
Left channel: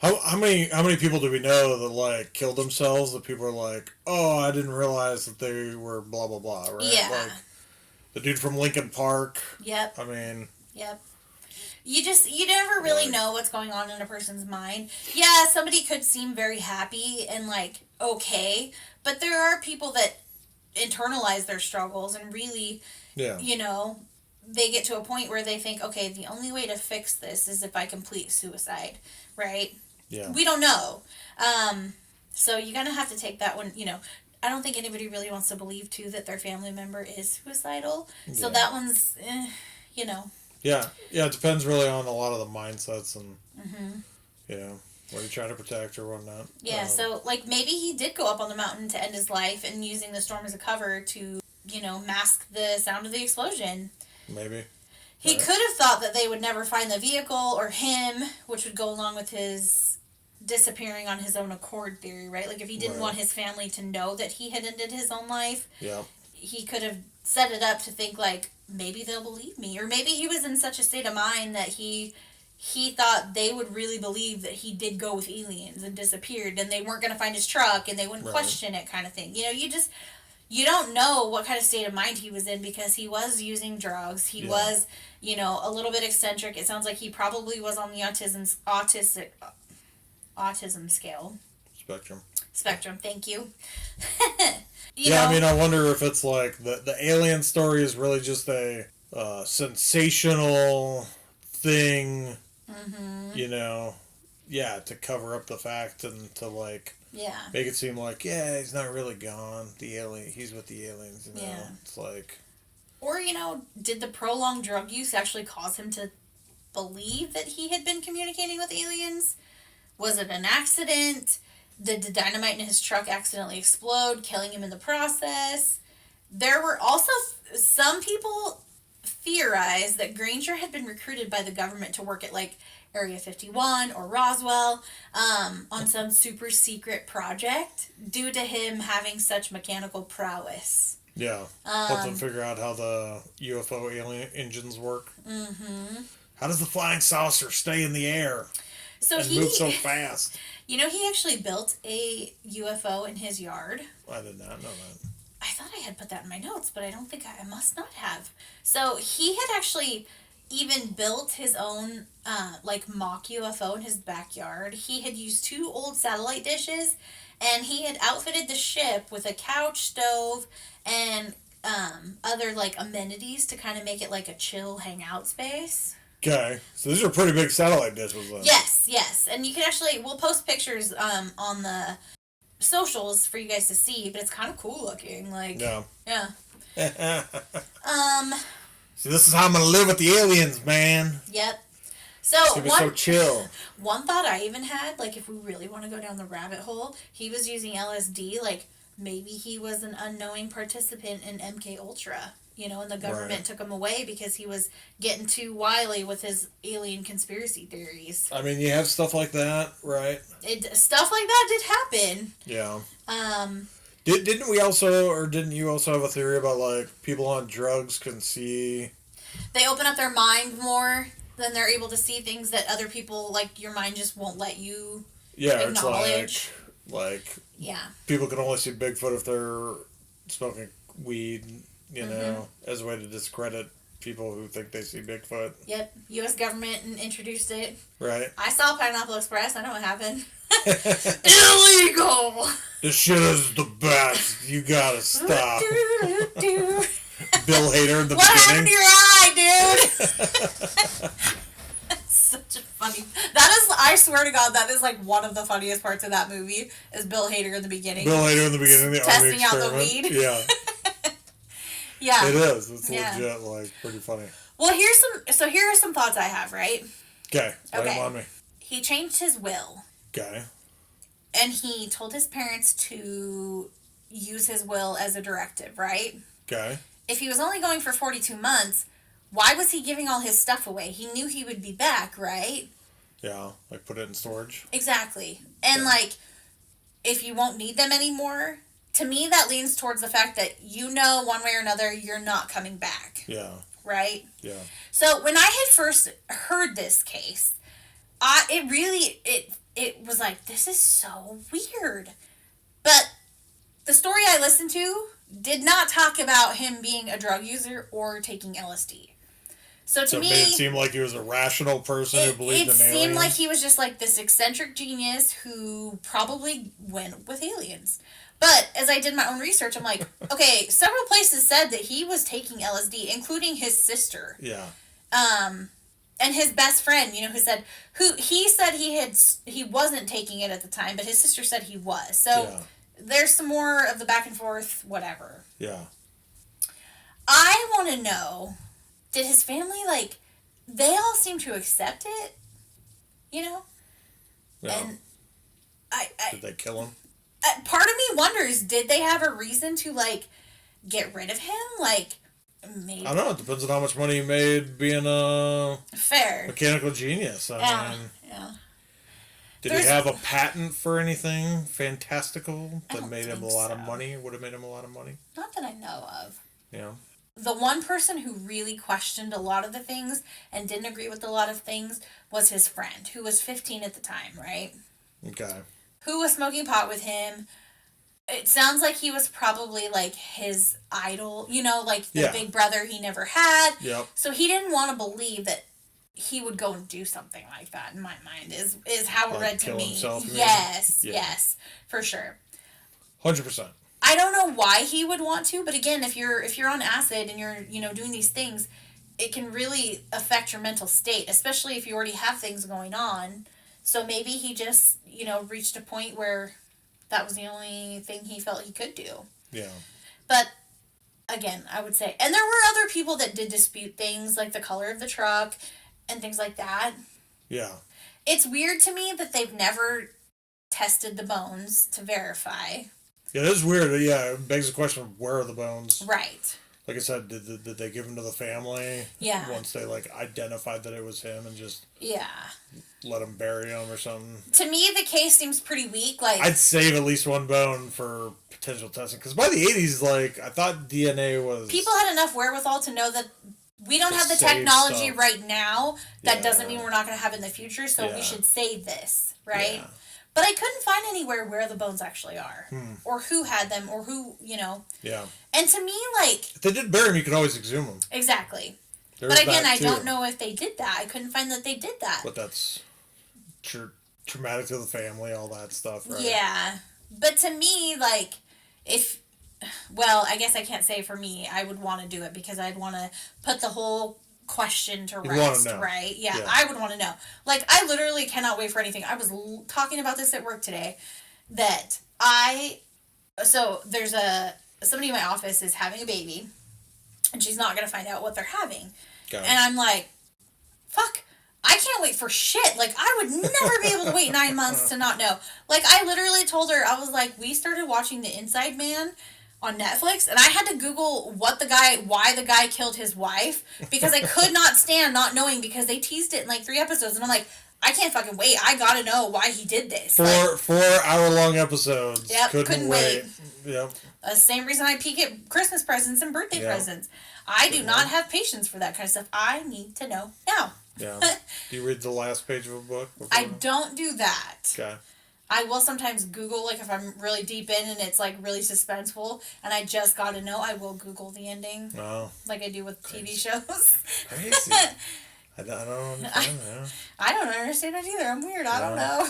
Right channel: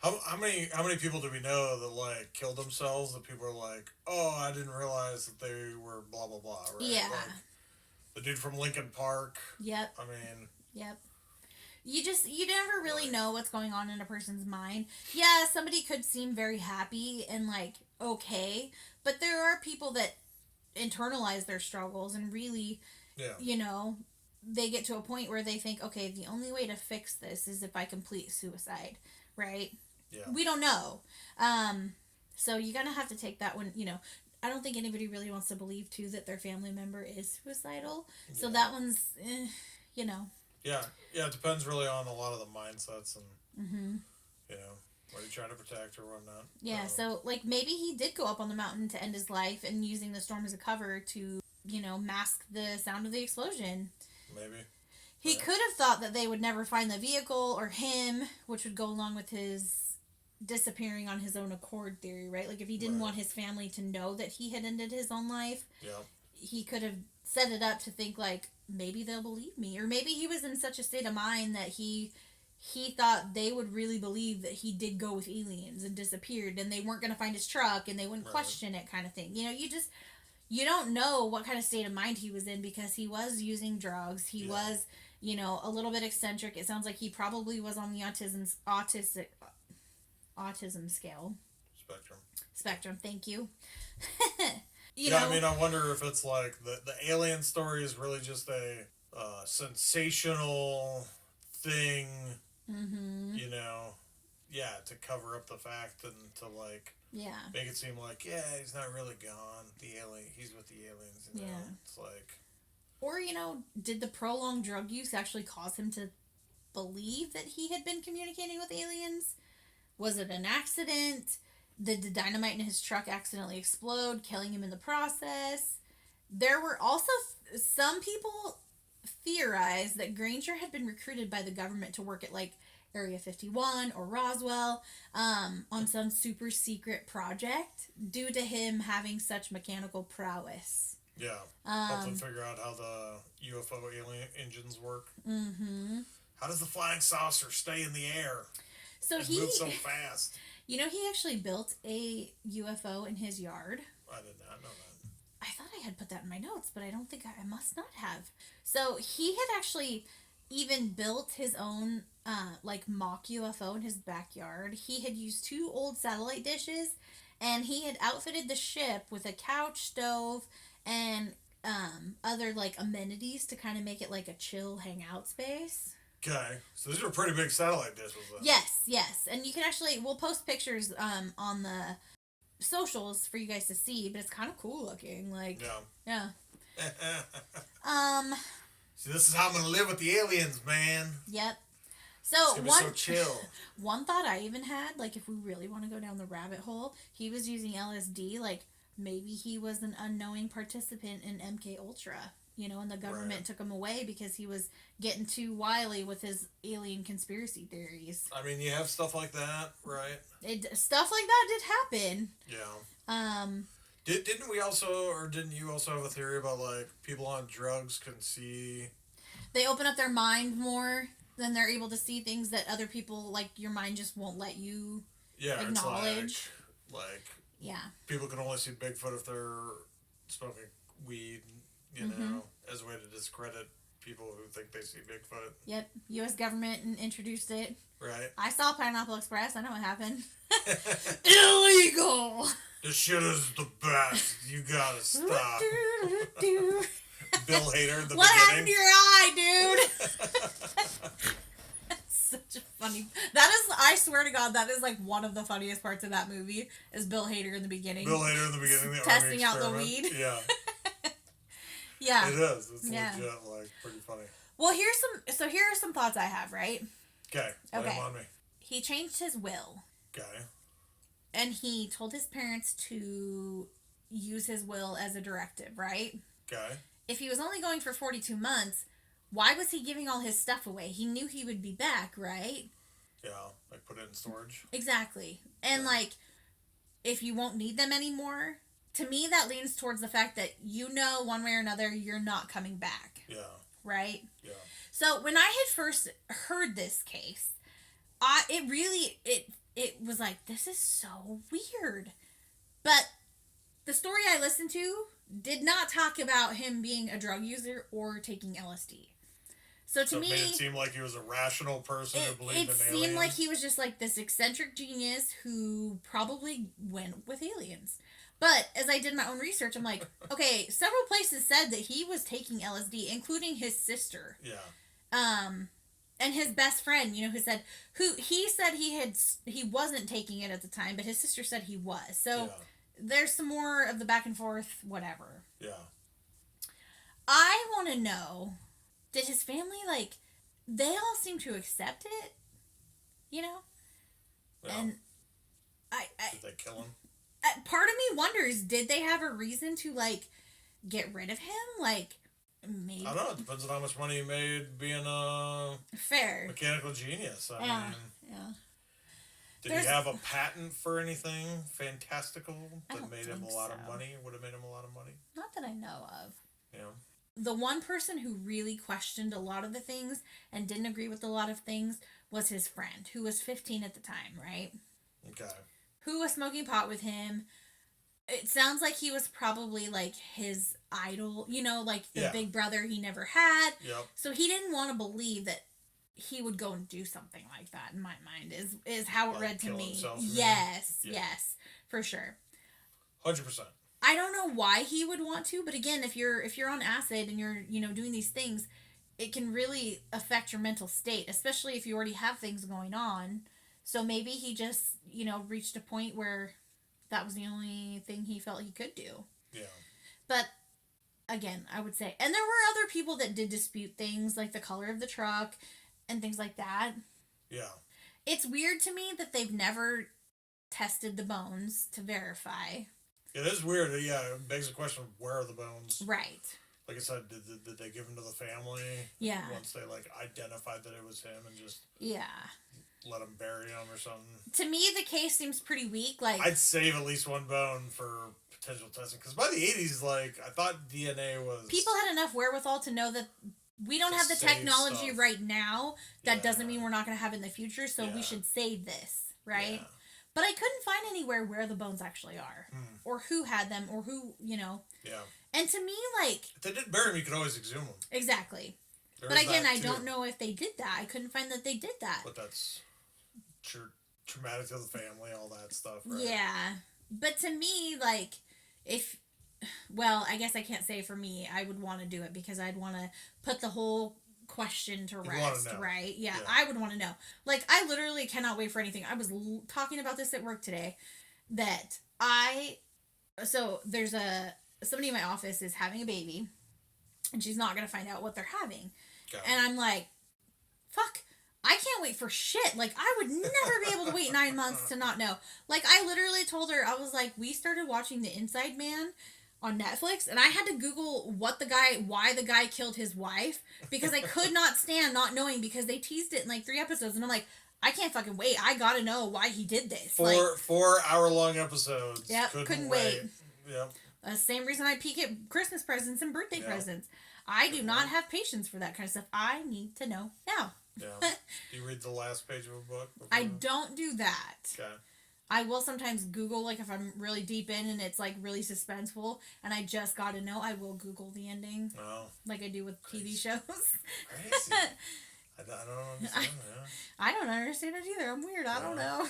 how many people do we know that like killed themselves? That people are like, oh, I didn't realize that they were blah blah blah, right? Yeah. Like the dude from Lincoln Park. Yep. I mean, Yep. You never really like know what's going on in a person's mind. Yeah, somebody could seem very happy and like okay, but there are people that internalize their struggles and really, yeah, you know, they get to a point where they think, okay, the only way to fix this is if I complete suicide, right? yeah, We don't know. Um, so you're gonna have to take that one. I don't think anybody really wants to believe too that their family member is suicidal. So yeah, that one's, you know. yeah, yeah. It depends really on a lot of the mindsets and Mm-hmm. you know what you try to protect or whatnot. Yeah, so like maybe he did go up on the mountain to end his life and using the storm as a cover to, mask the sound of the explosion. Maybe. He Right. could have thought that they would never find the vehicle or him, which would go along with his disappearing on his own accord theory, right? Like if he didn't Right. want his family to know that he had ended his own life, Yeah. he could have set it up to think like maybe they'll believe me, or maybe he was in such a state of mind that he thought they would really believe that he did go with aliens and disappeared and they weren't going to find his truck and they wouldn't Right. question it, kind of thing. You don't know what kind of state of mind he was in because he was using drugs. He Yeah. was, a little bit eccentric. It sounds like he probably was on the autism spectrum. Thank you. Yeah, I mean, I wonder if it's like the alien story is really just a sensational thing, Mm-hmm. you know, yeah, to cover up the fact and to like Yeah. make it seem like yeah, he's not really gone. He's with the aliens. You know, Yeah. it's like Or, did the prolonged drug use actually cause him to believe that he had been communicating with aliens? Was it an accident? Did the dynamite in his truck accidentally explode, killing him in the process? There were also some people theorized that Granger had been recruited by the government to work at like Area 51 or Roswell on some super secret project due to him having such mechanical prowess. yeah, help them figure out how the UFO alien engines work. Mm-hmm. How does the flying saucer stay in the air So and move so fast? he actually built a UFO in his yard. I did not know that. I thought I had put that in my notes, but I don't think I must not have. So he had actually even built his own like mock UFO in his backyard. He had used two old satellite dishes, and he had outfitted the ship with a couch, stove, and other like amenities to kind of make it like a chill hangout space. Okay, so these are pretty big satellite dishes then. Yes, and you can actually we'll post pictures on the socials for you guys to see, but it's kind of cool looking. Like yeah. Um. See, this is how I'm gonna live with the aliens, man. Yep. So It's gonna be so chill. One thought I even had, like, if we really want to go down the rabbit hole, he was using LSD. Like, maybe he was an unknowing participant in MK Ultra. and the government took him away because he was getting too wily with his alien conspiracy theories. I mean, you have stuff like that, right? Stuff like that did happen. Yeah. Um, Didn't you also have a theory about, like, people on drugs can see... They open up their mind more, then they're able to see things that other people, like, your mind just won't let you acknowledge. It's like yeah. People can only see Bigfoot if they're smoking weed, as a way to discredit people who think they see Bigfoot. Yep. U.S. government introduced it. Right. I saw Pineapple Express. I know what happened. Illegal! This shit is the best. You gotta stop. Bill Hader in the beginning. What happened to your eye, dude? Such a funny... I swear to God, that is like one of the funniest parts of that movie, is Bill Hader in the beginning. Bill Hader in the beginning, the army experiment. Testing out the weed. Yeah. Yeah. It is. It's legit, like, pretty funny. Well, here are some thoughts I have, right? Okay. Lay them on me. He changed his will. Okay. And he told his parents to use his will as a directive, right? Okay. If he was only going for 42 months, why was he giving all his stuff away? He knew he would be back, right? Yeah, like put it in storage. Exactly. And like, if you won't need them anymore, to me that leans towards the fact that one way or another you're not coming back. Yeah. Right? Yeah. So when I had first heard this case, it was like, this is so weird. But the story I listened to did not talk about him being a drug user or taking LSD. So to me, it made it seem like he was a rational person who believed in aliens. It seemed like he was just like this eccentric genius who probably went with aliens. But as I did my own research, I'm like, okay, several places said that he was taking LSD, including his sister. Yeah. And his best friend, he said he wasn't taking it at the time, but his sister said he was. So there's some more of the back and forth, whatever. Yeah. I want to know, did his family, they all seem to accept it? Yeah. And did they kill him? Part of me wonders, did they have a reason to, get rid of him? Maybe. I don't know. It depends on how much money he made being a mechanical genius. I mean, did he have a patent for anything fantastical that made him a lot of money? Would have made him a lot of money? Not that I know of. Yeah. The one person who really questioned a lot of the things and didn't agree with a lot of things was his friend, who was 15 at the time, right? Okay. Who was smoking pot with him. It sounds like he was probably, his idol, the big brother he never had. Yep. So he didn't want to believe that he would go and do something like that, in my mind, is how it read to me. Himself, yes, for sure. 100%. I don't know why he would want to, but again, if you're on acid and you're, doing these things, it can really affect your mental state, especially if you already have things going on. So maybe he just, reached a point where that was the only thing he felt he could do. Yeah. But, again, I would say... And there were other people that did dispute things, like the color of the truck and things like that. Yeah. It's weird to me that they've never tested the bones to verify. Yeah, it is weird. Yeah, it begs the question of where are the bones? Right. Like I said, did they give them to the family? Yeah. Once they, identified that it was him and just... Yeah. Let him bury him or something. To me, the case seems pretty weak. I'd save at least one bone for potential testing. Because by the 80s, I thought DNA was... People had enough wherewithal to know that we don't have the technology right now. That doesn't mean we're not going to have it in the future, so we should save this, right? Yeah. But I couldn't find anywhere where the bones actually are. Or who had them, or who, Yeah. And to me, if they did bury them, you could always exhume them. Exactly. But again, I don't know if they did that. I couldn't find that they did that. But that's traumatic to the family, all that stuff, right? Yeah. But to me, if... Well, I guess I can't say for me. I would want to do it because I'd want to put the whole question to rest, right? Yeah, I would want to know. I literally cannot wait for anything. I was talking about this at work today, that so there's somebody in my office is having a baby, and she's not going to find out what they're having. Okay. And I'm like, fuck, I can't wait for shit. I would never be able to wait 9 months to not know. I literally told her, I was like, we started watching The Inside Man on Netflix, and I had to Google why the guy killed his wife, because I could not stand not knowing, because they teased it in like 3 episodes, and I'm like, I can't fucking wait. I gotta know why he did this. 4 hour-long episodes. Yep, couldn't wait. Yep. Same reason I peek at Christmas presents and birthday presents. I do not have patience for that kind of stuff. I need to know now. Yeah. Do you read the last page of a book? I don't do that. Okay. I will sometimes Google, like, if I'm really deep in and it's, like, really suspenseful and I just gotta know, I will Google the ending. Oh. Like I do with Crazy. TV shows. Crazy. I don't understand that. I don't understand it either. I'm weird. I don't know.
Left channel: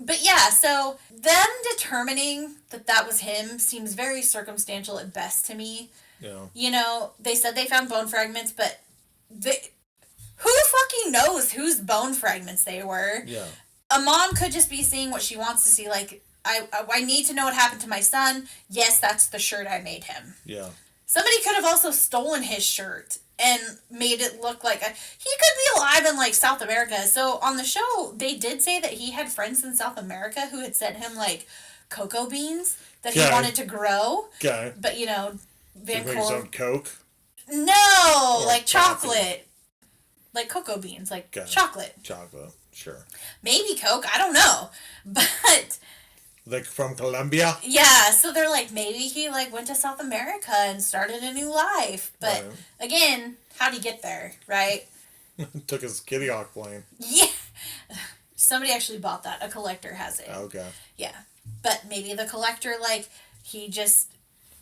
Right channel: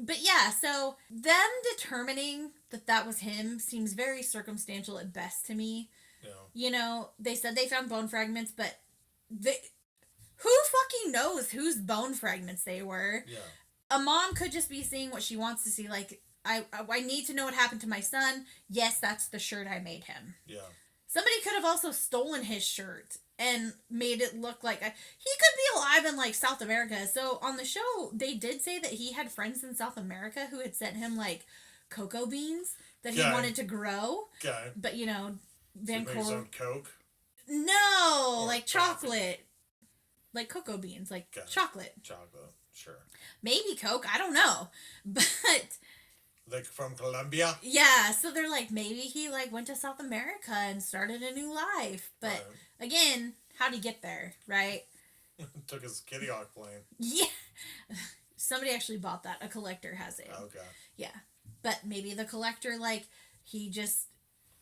But yeah, so them determining that was him seems very circumstantial at best to me. Yeah. You know, they said they found bone fragments, but who fucking knows whose bone fragments they were? Yeah. A mom could just be seeing what she wants to see. Like, I need to know what happened to my son. Yes, that's the shirt I made him. Yeah. Somebody could have also stolen his shirt and made it look like he could be alive in, like, South America. So on the show, they did say that he had friends in South America who had sent him, like, cocoa beans that he wanted to grow. Okay. But, you know, Make his own Coke? No, Or like chocolate. Like cocoa beans, like chocolate. Chocolate, sure. Maybe Coke, I don't know. But like from Colombia? Yeah, so they're like, maybe he like went to South America and started a new life. But again, how'd he get there, right? Took his Kitty Hawk plane. Yeah. Somebody actually bought that. A collector has it. Okay. Yeah. But maybe the collector, like, he just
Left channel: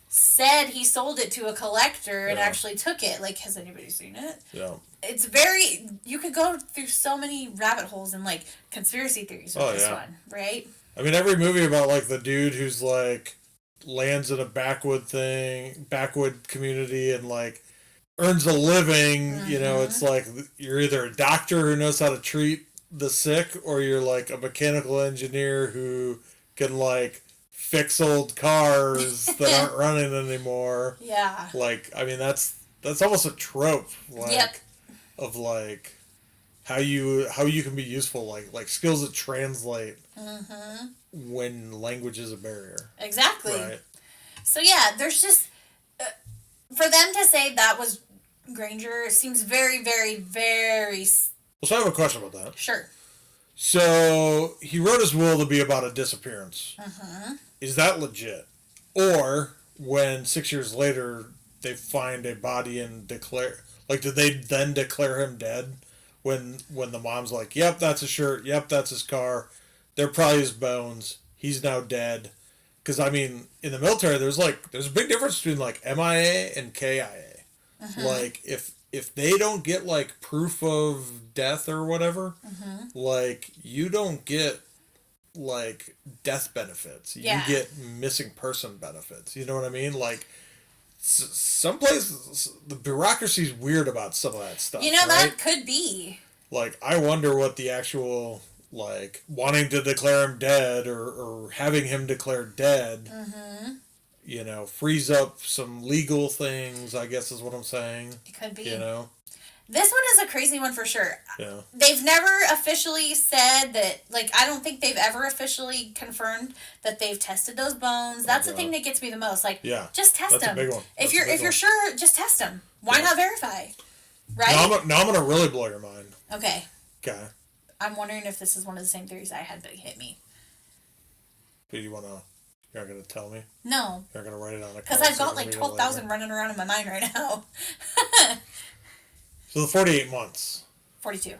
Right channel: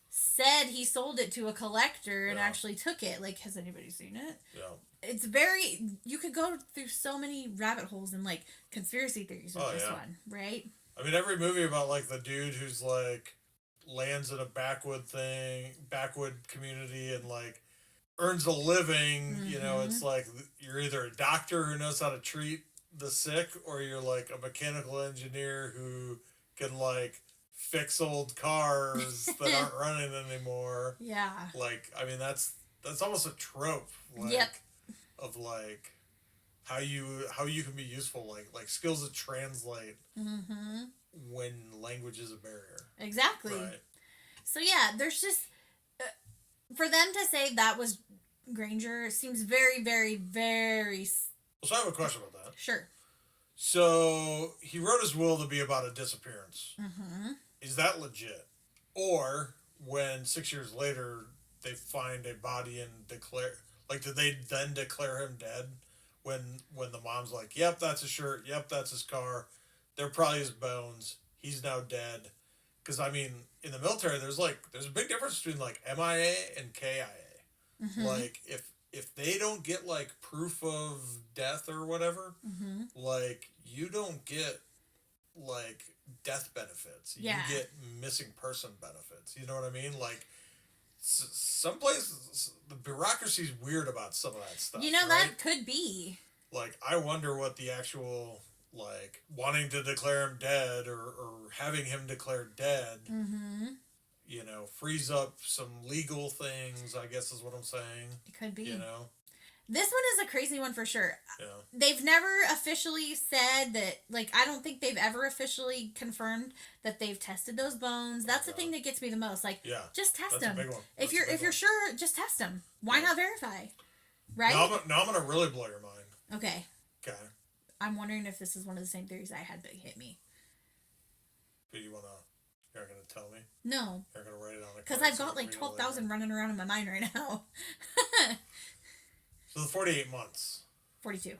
said he sold it to a collector and actually took it. Like, has anybody seen it? Yeah. It's very... You could go through so many rabbit holes and, like, conspiracy theories with this one, right? I mean, every movie about, like, the dude who's, like, lands in a backwood community and, like, earns a living, you know, it's like you're either a doctor who knows how to treat the sick, or you're, like, a mechanical engineer who can, like, fix old cars that aren't running anymore. Yeah. Like, I mean, that's almost a trope, like, of, like, how you can be useful, like skills that translate when language is a barrier. Exactly. Right. So yeah, there's just for them to say that was Granger seems very, very, very. So I have a question about that. Sure. So he wrote his will to be about a disappearance. Is that legit? Or when 6 years later they find a body and declare, like, did they then declare him dead? When the mom's like, yep, that's his shirt, yep, that's his car, they're probably his bones, he's now dead. Because, I mean, in the military, there's a big difference between, like, MIA and KIA. Like, if they don't get, like, proof of death or whatever, like, you don't get, like, death benefits. You get missing person benefits. You know what I mean? Like, some places, the bureaucracy's weird about some of that stuff. You know, that could be. Like, I wonder what the actual, like, wanting to declare him dead or having him declared dead, you know, frees up some legal things, I guess is what I'm saying. It could be. You know? This one is a crazy one for sure. Yeah. They've never officially said that, like, I don't think they've ever officially confirmed that they've tested those bones. That's the thing that gets me the most. Like, just test them. That's a big one. If you're sure, just test them. Why not verify? Right? Now I'm going to really blow your mind. Okay. Okay. I'm wondering if this is one of the same theories I had, but it hit me. But you're not going to tell me? No. You're not going to write it on a card? Because I've got like 12,000 running around in my mind right now. So the 48 months. 42.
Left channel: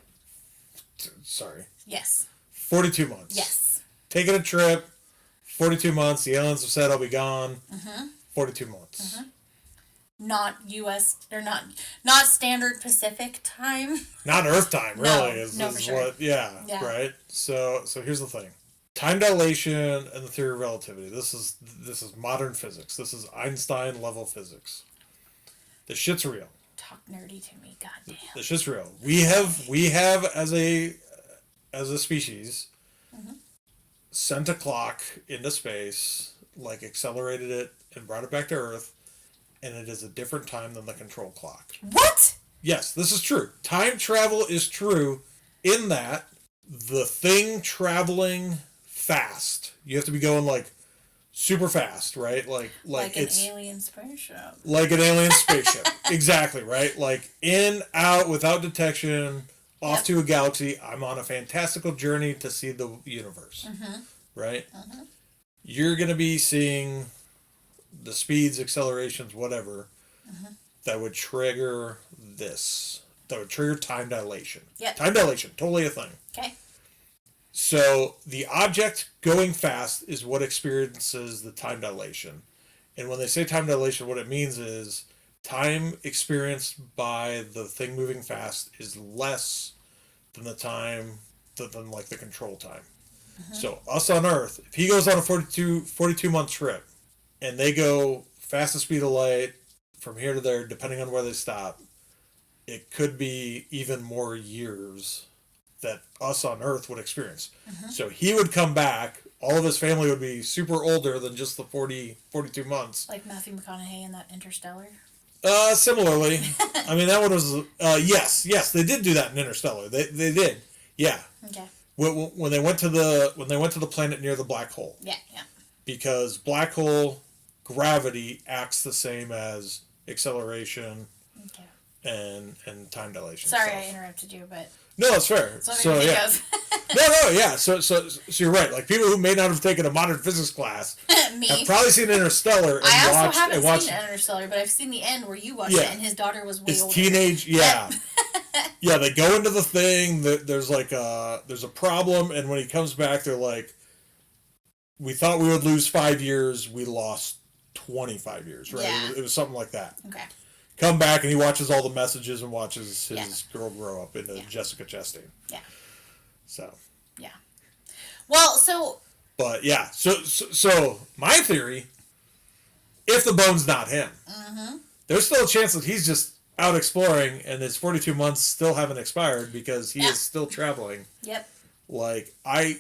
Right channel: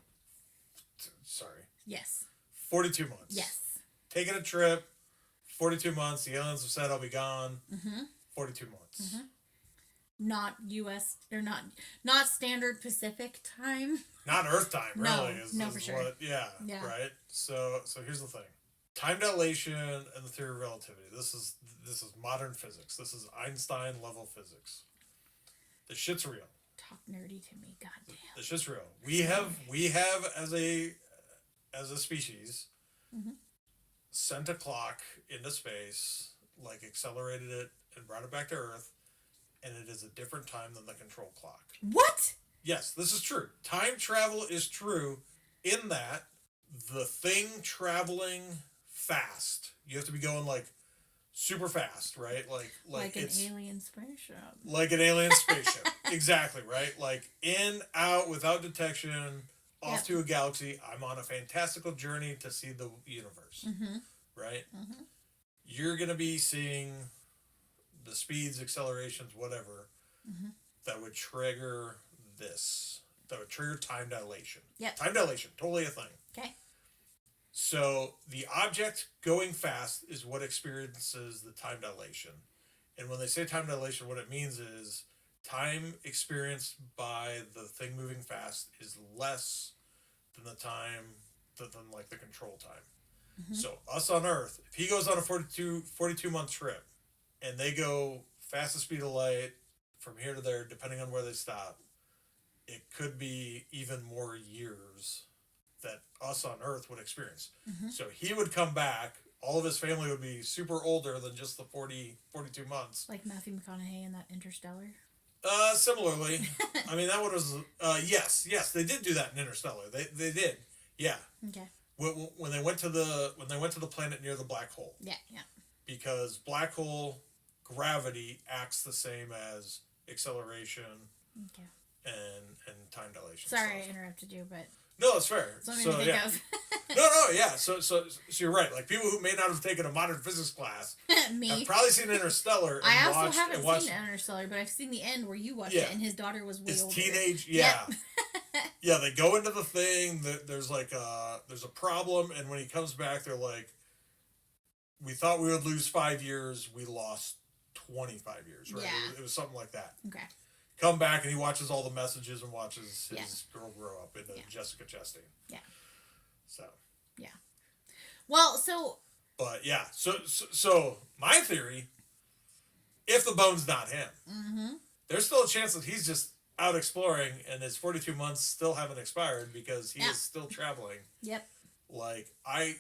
Sorry. Yes. 42 months. Yes. Taking a trip. 42 months. The aliens have said I'll be gone. 42 months. Not U.S. or not standard Pacific time. Not Earth time, really. No, is for sure. What? Yeah. Right. So here's the thing. Time dilation and the theory of relativity. This is modern physics. This is Einstein level physics. The shit's real. Talk nerdy to me, goddamn. The shit's real. We have as a species sent a clock into space, like accelerated it and brought it back to Earth, and it is a different time than the control clock. What? Yes, this is true. Time travel is true in that the thing traveling fast, you have to be going like super fast, right? Like an it's alien spaceship. like an alien spaceship. Exactly, right? Like in, out, without detection, off Yep. to a galaxy. I'm on a fantastical journey to see the universe, Mm-hmm. right? Mm-hmm. You're going to be seeing the speeds, accelerations, whatever, Mm-hmm. that would trigger this. That would trigger time dilation. Yep. Time dilation, totally a thing. Okay. So the object going fast is what experiences the time dilation. And when they say time dilation, what it means is time experienced by the thing moving fast is less than the time than like the control time. Mm-hmm. So us on Earth, if he goes on a 42 month trip and they go fastest speed of light from here to there, depending on where they stop, it could be even more years that us on Earth would experience. Mm-hmm. So he would come back. All of his family would be super older than just the 42 months. Like Matthew McConaughey in that Interstellar. Similarly, I mean that one was yes they did do that in Interstellar. They did, yeah. Okay. When they went to the planet near the black hole. Yeah. Yeah. Because black hole gravity acts the same as acceleration Okay. and time dilation. Sorry, stuff. I interrupted you, but No, that's fair. So yeah. No, yeah. So you're right. Like people who may not have taken a modern physics class Me. have probably seen Interstellar and I also watched haven't seen Interstellar, but I've seen the end where you watched it, and his daughter was way his older. teenage. Yeah, yeah. They go into the thing. There's like there's a problem, and when he comes back, they're like, "We thought we would lose 5 years. We lost 25 years." Right? Yeah. It was something like that. Okay. Come back, and he watches all the messages and watches his Yeah. girl grow up into Yeah. Jessica Chastain. Yeah. So. Yeah. Well, so. But yeah, so my theory, if the bone's not him, Mm-hmm. there's still a chance that he's just out exploring and his 42 months still haven't expired because he is still traveling. Yep. Like I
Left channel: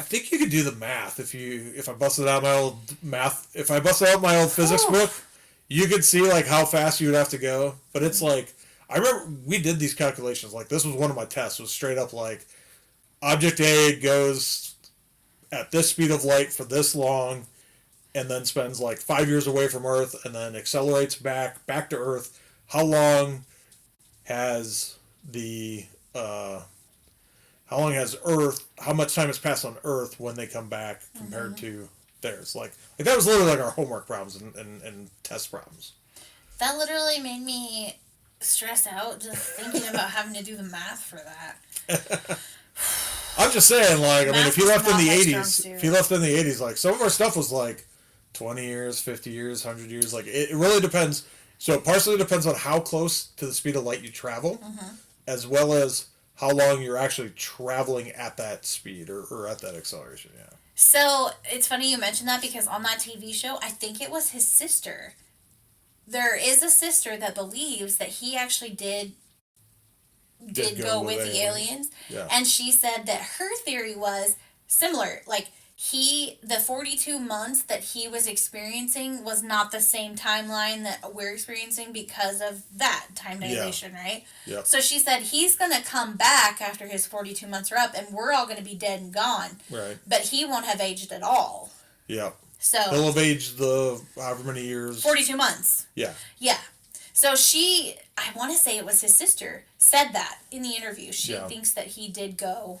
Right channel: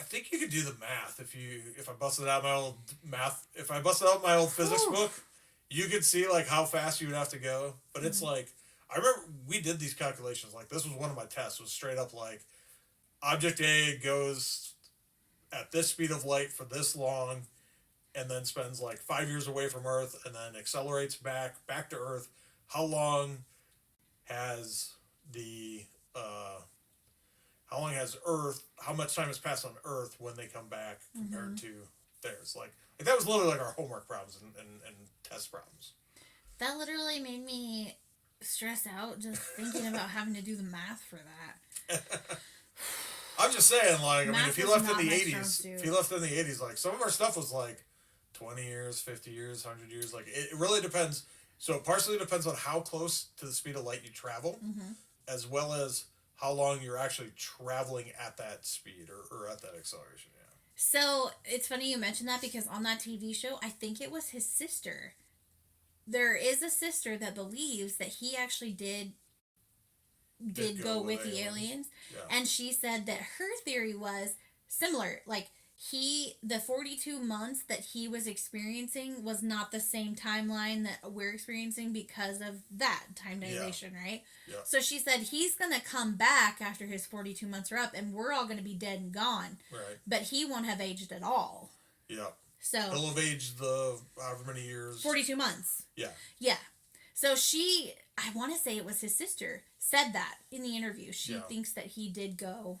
think you could do the math if I busted out my old physics book, you could see like how fast you would have to go. But it's like I remember we did these calculations. Like this was one of my tests. Was straight up like object A goes at this speed of light for this long, and then spends like 5 years away from Earth, and then accelerates back to Earth. How long has the how long has Earth? How much time has passed on Earth when they come back compared to theirs? Like that was literally like our homework problems and test problems. That literally made me stress out just thinking about having to do the math for that. I'm just saying, like, I mean, if he left in the Math 80s, like, some of our stuff was, like, 20 years, 50 years, 100 years. Like, it really depends. So it partially depends on how close to the speed of light you travel, as well as how long you're actually traveling at that speed or at that acceleration, yeah. So, it's funny you mentioned that because on that TV show, I think it was his sister. There is a sister that believes that he actually did go with the aliens. Yeah. And she said that her theory was similar. Like, the 42 months that he was experiencing was not the same timeline that we're experiencing because of that time dilation, right? Yeah. So she said he's going to come back after his 42 months are up and we're all going to be dead and gone. Right. But he won't have aged at all. Yeah. So he'll have aged the however many years. 42 months. Yeah. Yeah. So I want to say it was his sister, said that in the interview. She thinks that he did go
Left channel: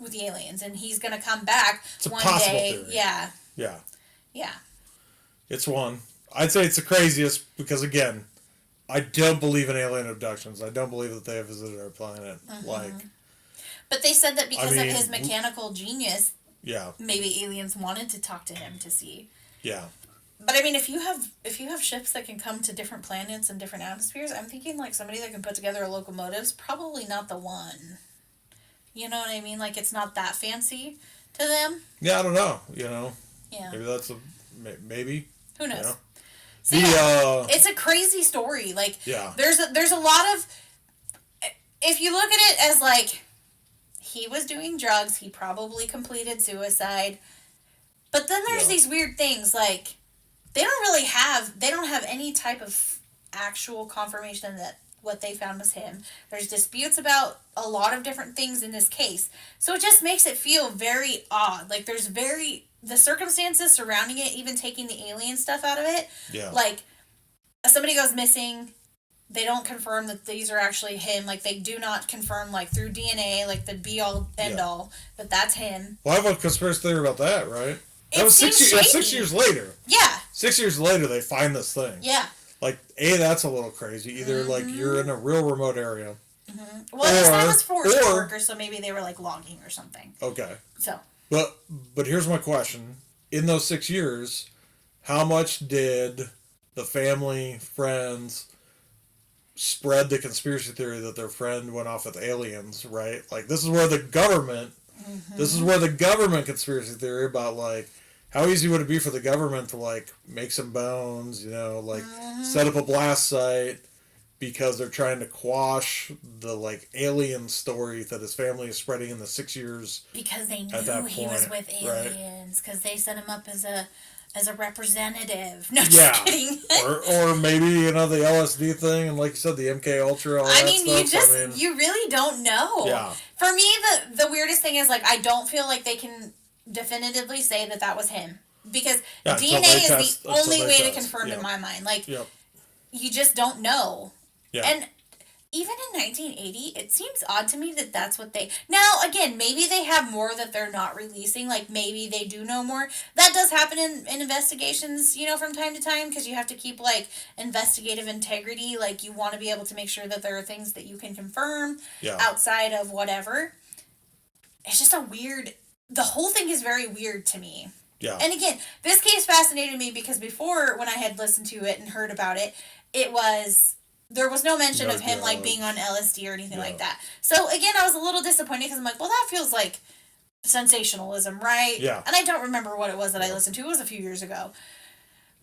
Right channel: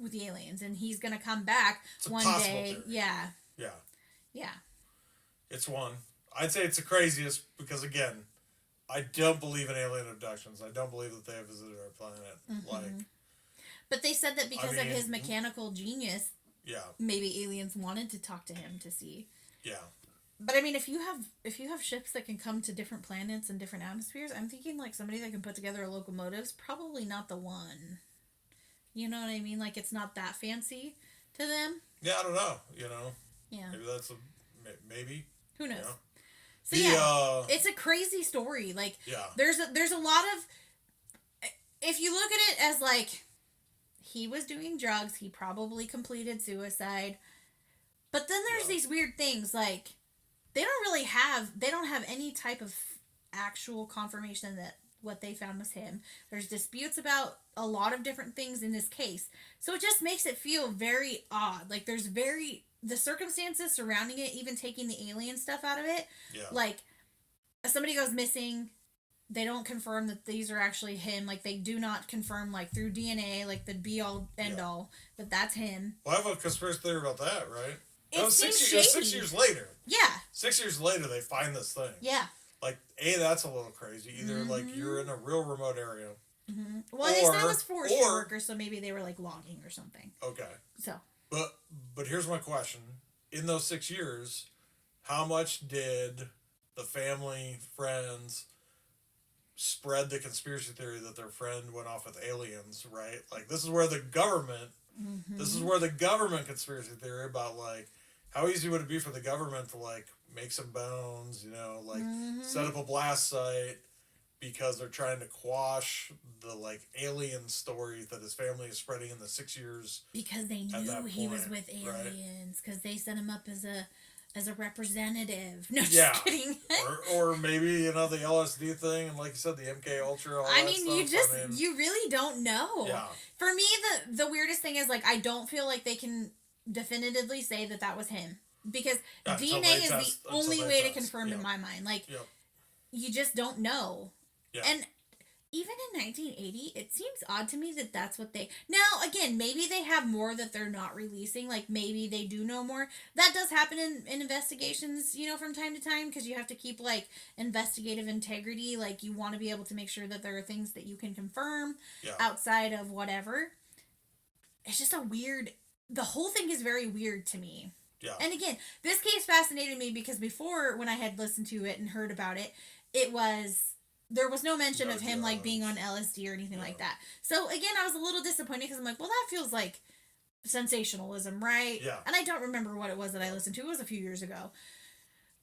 with the aliens and he's going to come back it's one a possible day. Theory. Yeah. Yeah. Yeah. It's one. I'd say it's the craziest because, again, I don't believe in alien abductions. I don't believe that they have visited our planet. But they said that because of his mechanical genius, maybe aliens wanted to talk to him to see. Yeah. But I mean, if you have ships that can come to different planets and different atmospheres, I'm thinking like somebody that can put together a locomotive's probably not the one. You know what I mean? Like it's not that fancy to them. Yeah, I don't know. You know. Yeah. Maybe that's maybe. Who knows? You know? So it's a crazy story. Like there's a lot of. If you look at it as like, he was doing drugs, he probably completed suicide, but then there's these weird things like. They don't have any type of actual confirmation that what they found was him. There's disputes about a lot of different things in this case. So it just makes it feel very odd. Like there's the circumstances surrounding it, even taking the alien stuff out of it, Yeah. like, somebody goes missing, they don't confirm that these are actually him. Like, they do not confirm, like, through DNA, like, the be-all, end-all, that that's him. Well, I have a conspiracy theory about that, right? That was seems 6 years later. Yeah. 6 years later, they find this thing. Yeah. Like, that's a little crazy. Either, like, you're in a real remote area. Mm-hmm. Well, they said it was forest workers, so maybe they were, like, logging or something. Okay. So. But here's my question. In those 6 years, how much did the family, friends spread the conspiracy theory that their friend went off with aliens, right? Like, this is where the government, conspiracy theory about, like, how easy would it be for the government to, like, make some bones, like, set up a blast site because they're trying to quash the, like, alien story that his family is spreading in the 6 years. Because they knew he was with aliens, because they set him up as a representative. No, just kidding. or maybe, the LSD thing, and like you said, the MK Ultra, all that stuff. You really don't know. Yeah. For me, the weirdest thing is, like, I don't feel like they can definitively say that was him. Because DNA is the only way to confirm in my mind. Like, you just don't know. Yeah. And even in 1980, it seems odd to me that that's what they... Now, again, maybe they have more that they're not releasing. Like, maybe they do know more. That does happen in investigations, from time to time, because you have to keep, like, investigative integrity. Like, you want to be able to make sure that there are things that you can confirm outside of whatever. It's just a weird... The whole thing is very weird to me. Yeah. And again, this case fascinated me because before, when I had listened to it and heard about it, there was no mention of him, like, being on LSD or anything like that. So, again, I was a little disappointed because I'm like, well, that feels like sensationalism, right? Yeah. And I don't remember what it was that I listened to. It was a few years ago.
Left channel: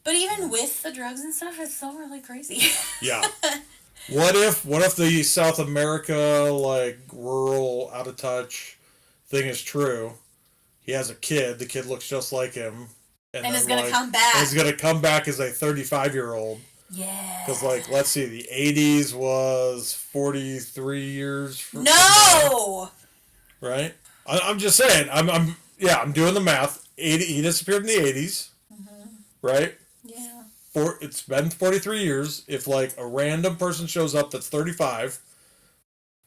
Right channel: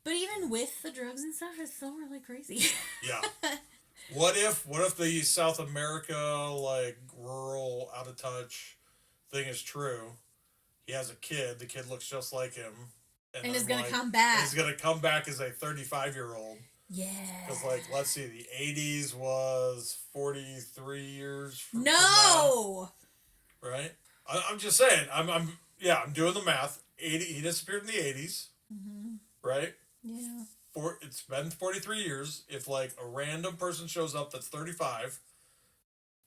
But even with the drugs and stuff, it's still really crazy. Yeah. What if the South America, like, rural, out of touch thing is true? He has a kid. The kid looks just like him. And is going to come back. And he's going to come back as a 35-year-old. Yeah. Because, like, let's see, the 80s was 43 years. No! Now, right? I'm just saying. I'm doing the math. He disappeared in the 80s. Mm-hmm. Right? Yeah. It's been 43 years. If, like, a random person shows up that's 35,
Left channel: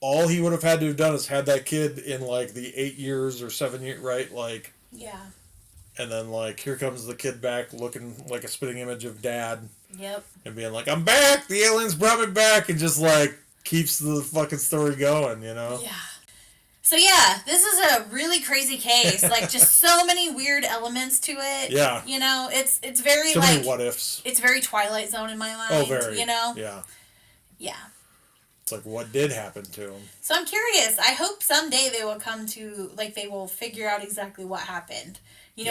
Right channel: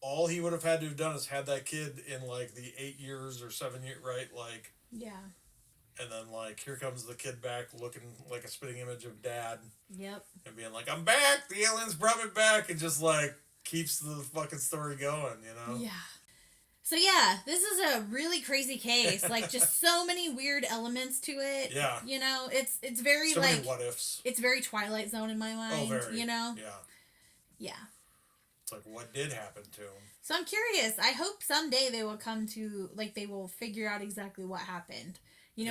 all he would have had to have done is had that kid in, like, the 8 years or 7 years, right? Like... Yeah. And then, like, here comes the kid back looking like a spitting image of dad. Yep. And being like, I'm back! The aliens brought me back! And just, like, keeps the fucking story going, Yeah. So, yeah, this is a really crazy case. Like, just so many weird elements to it. Yeah. It's very, so like... many what-ifs. It's very Twilight Zone in my mind. Oh, very. Yeah. Yeah. It's like, what did happen to him? So I'm curious. I hope someday they will come to, like, they will figure out exactly what happened.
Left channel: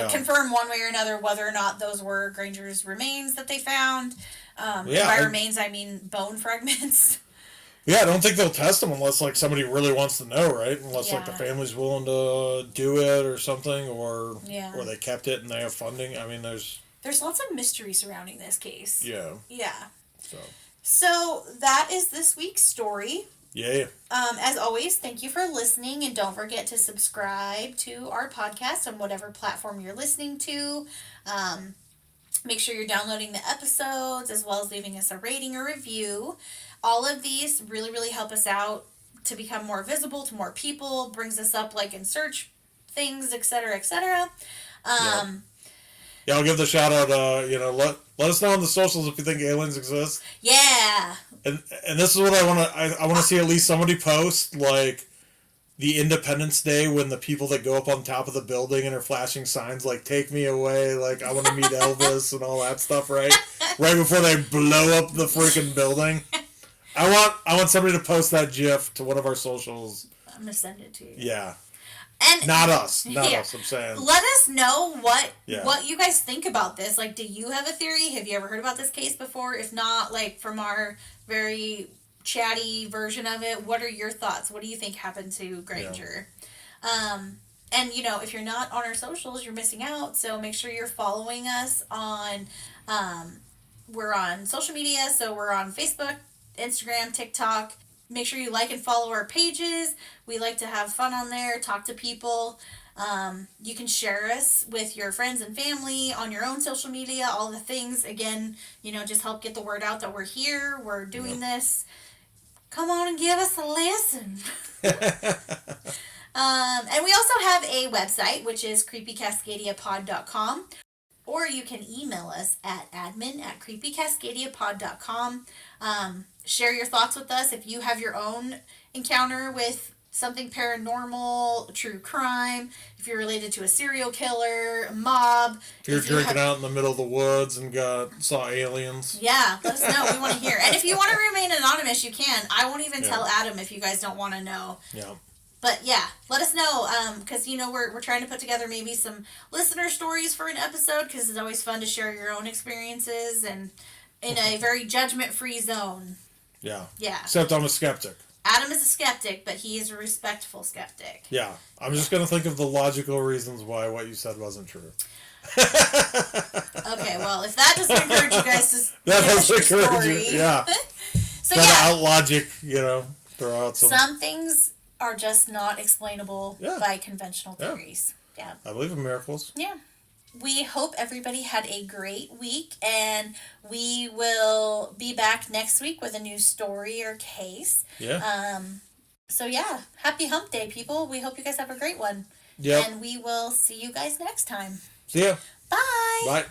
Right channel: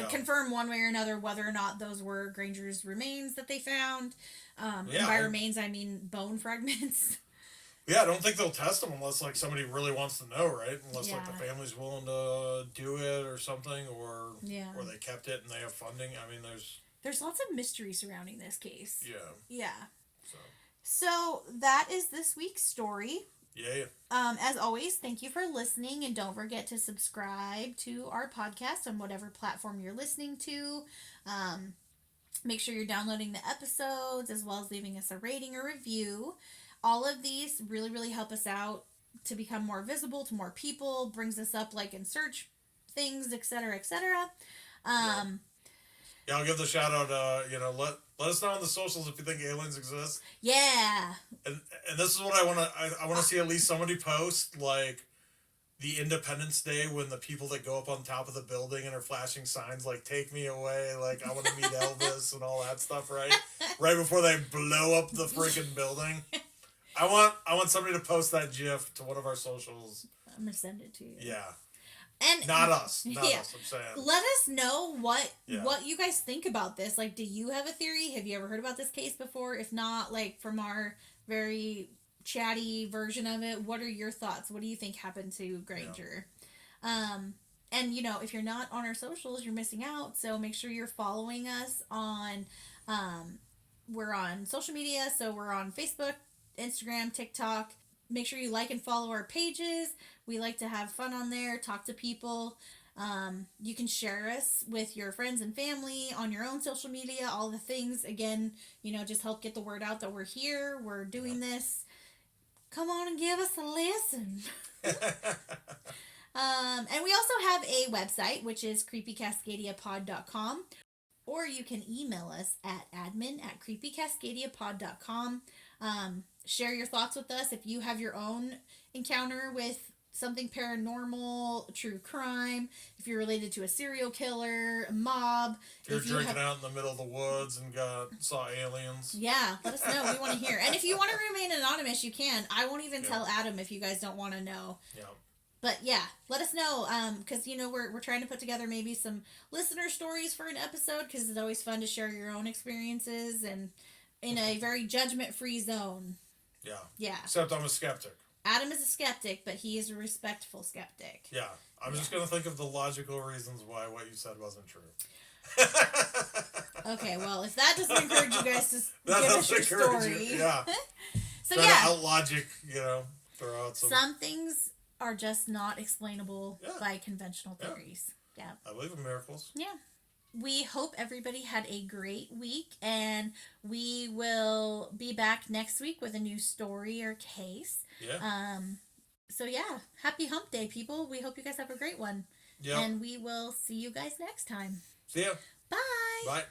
Confirm one way or another whether or not those were Granger's remains that they found. By remains, I mean bone fragments. Yeah, I don't think they'll test them unless, like, somebody really wants to know, right? Unless, like, the family's willing to do it or something, or they kept it and they have funding. I mean, there's lots of mystery surrounding this case. Yeah. Yeah. So that is this week's story. Yeah. As always, thank you for listening, and don't forget to subscribe to our podcast on whatever platform you're listening to. Make sure you're downloading the episodes as well as leaving us a rating or review. All of these really, really help us out to become more visible to more people, brings us up, like, in search things, etc., etc. Yeah, I'll give the shout out. Let us know on the socials if you think aliens exist. Yeah. And this is what I want to. I want to see at least somebody post, like, the Independence Day when the people that go up on top of the building and are flashing signs like "Take me away," like I want to meet Elvis and all that stuff, right? Right before they blow up the freaking building. I want somebody to post that GIF to one of our socials. I'm gonna send it to you. Yeah. And not us, I'm saying. Let us know what you guys think about this. Like, do you have a theory? Have you ever heard about this case before? If not, like, from our very chatty version of it, what are your thoughts? What do you think happened to Granger? And if you're not on our socials, you're missing out. So make sure you're following us on. We're on social media, so we're on Facebook, Instagram, TikTok. Make sure you like and follow our pages. We like to have fun on there, talk to people. You can share us with your friends and family on your own social media, all the things. Again, just help get the word out that we're here, we're doing this. Come on and give us a listen. And we also have a website, which is creepycascadiapod.com. Or you can email us at admin@creepycascadiapod.com. Share your thoughts with us if you have your own encounter with something paranormal, true crime, if you're related to a serial killer, a mob. If you're drinking out in the middle of the woods and saw aliens. Yeah, let us know. We want to hear. And if you want to remain anonymous, you can. I won't even tell Adam if you guys don't want to know. Yeah. But yeah, let us know, because we're trying to put together maybe some listener stories for an episode, because it's always fun to share your own experiences and in a very judgment-free zone. Yeah. Yeah. Except I'm a skeptic. Adam is a skeptic, but he is a respectful skeptic. Yeah. I'm just going to think of the logical reasons why what you said wasn't true. Okay, well, if that doesn't encourage you guys to that give us your encourage story. you. Yeah. So Try yeah. to out logic, throw out some things are just not explainable by conventional theories. Yeah. I believe in miracles. Yeah. We hope everybody had a great week, and we will be back next week with a new story or case. Yeah. So yeah, happy hump day, people. We hope you guys have a great one. Yep. And we will see you guys next time. See ya. Bye. Bye.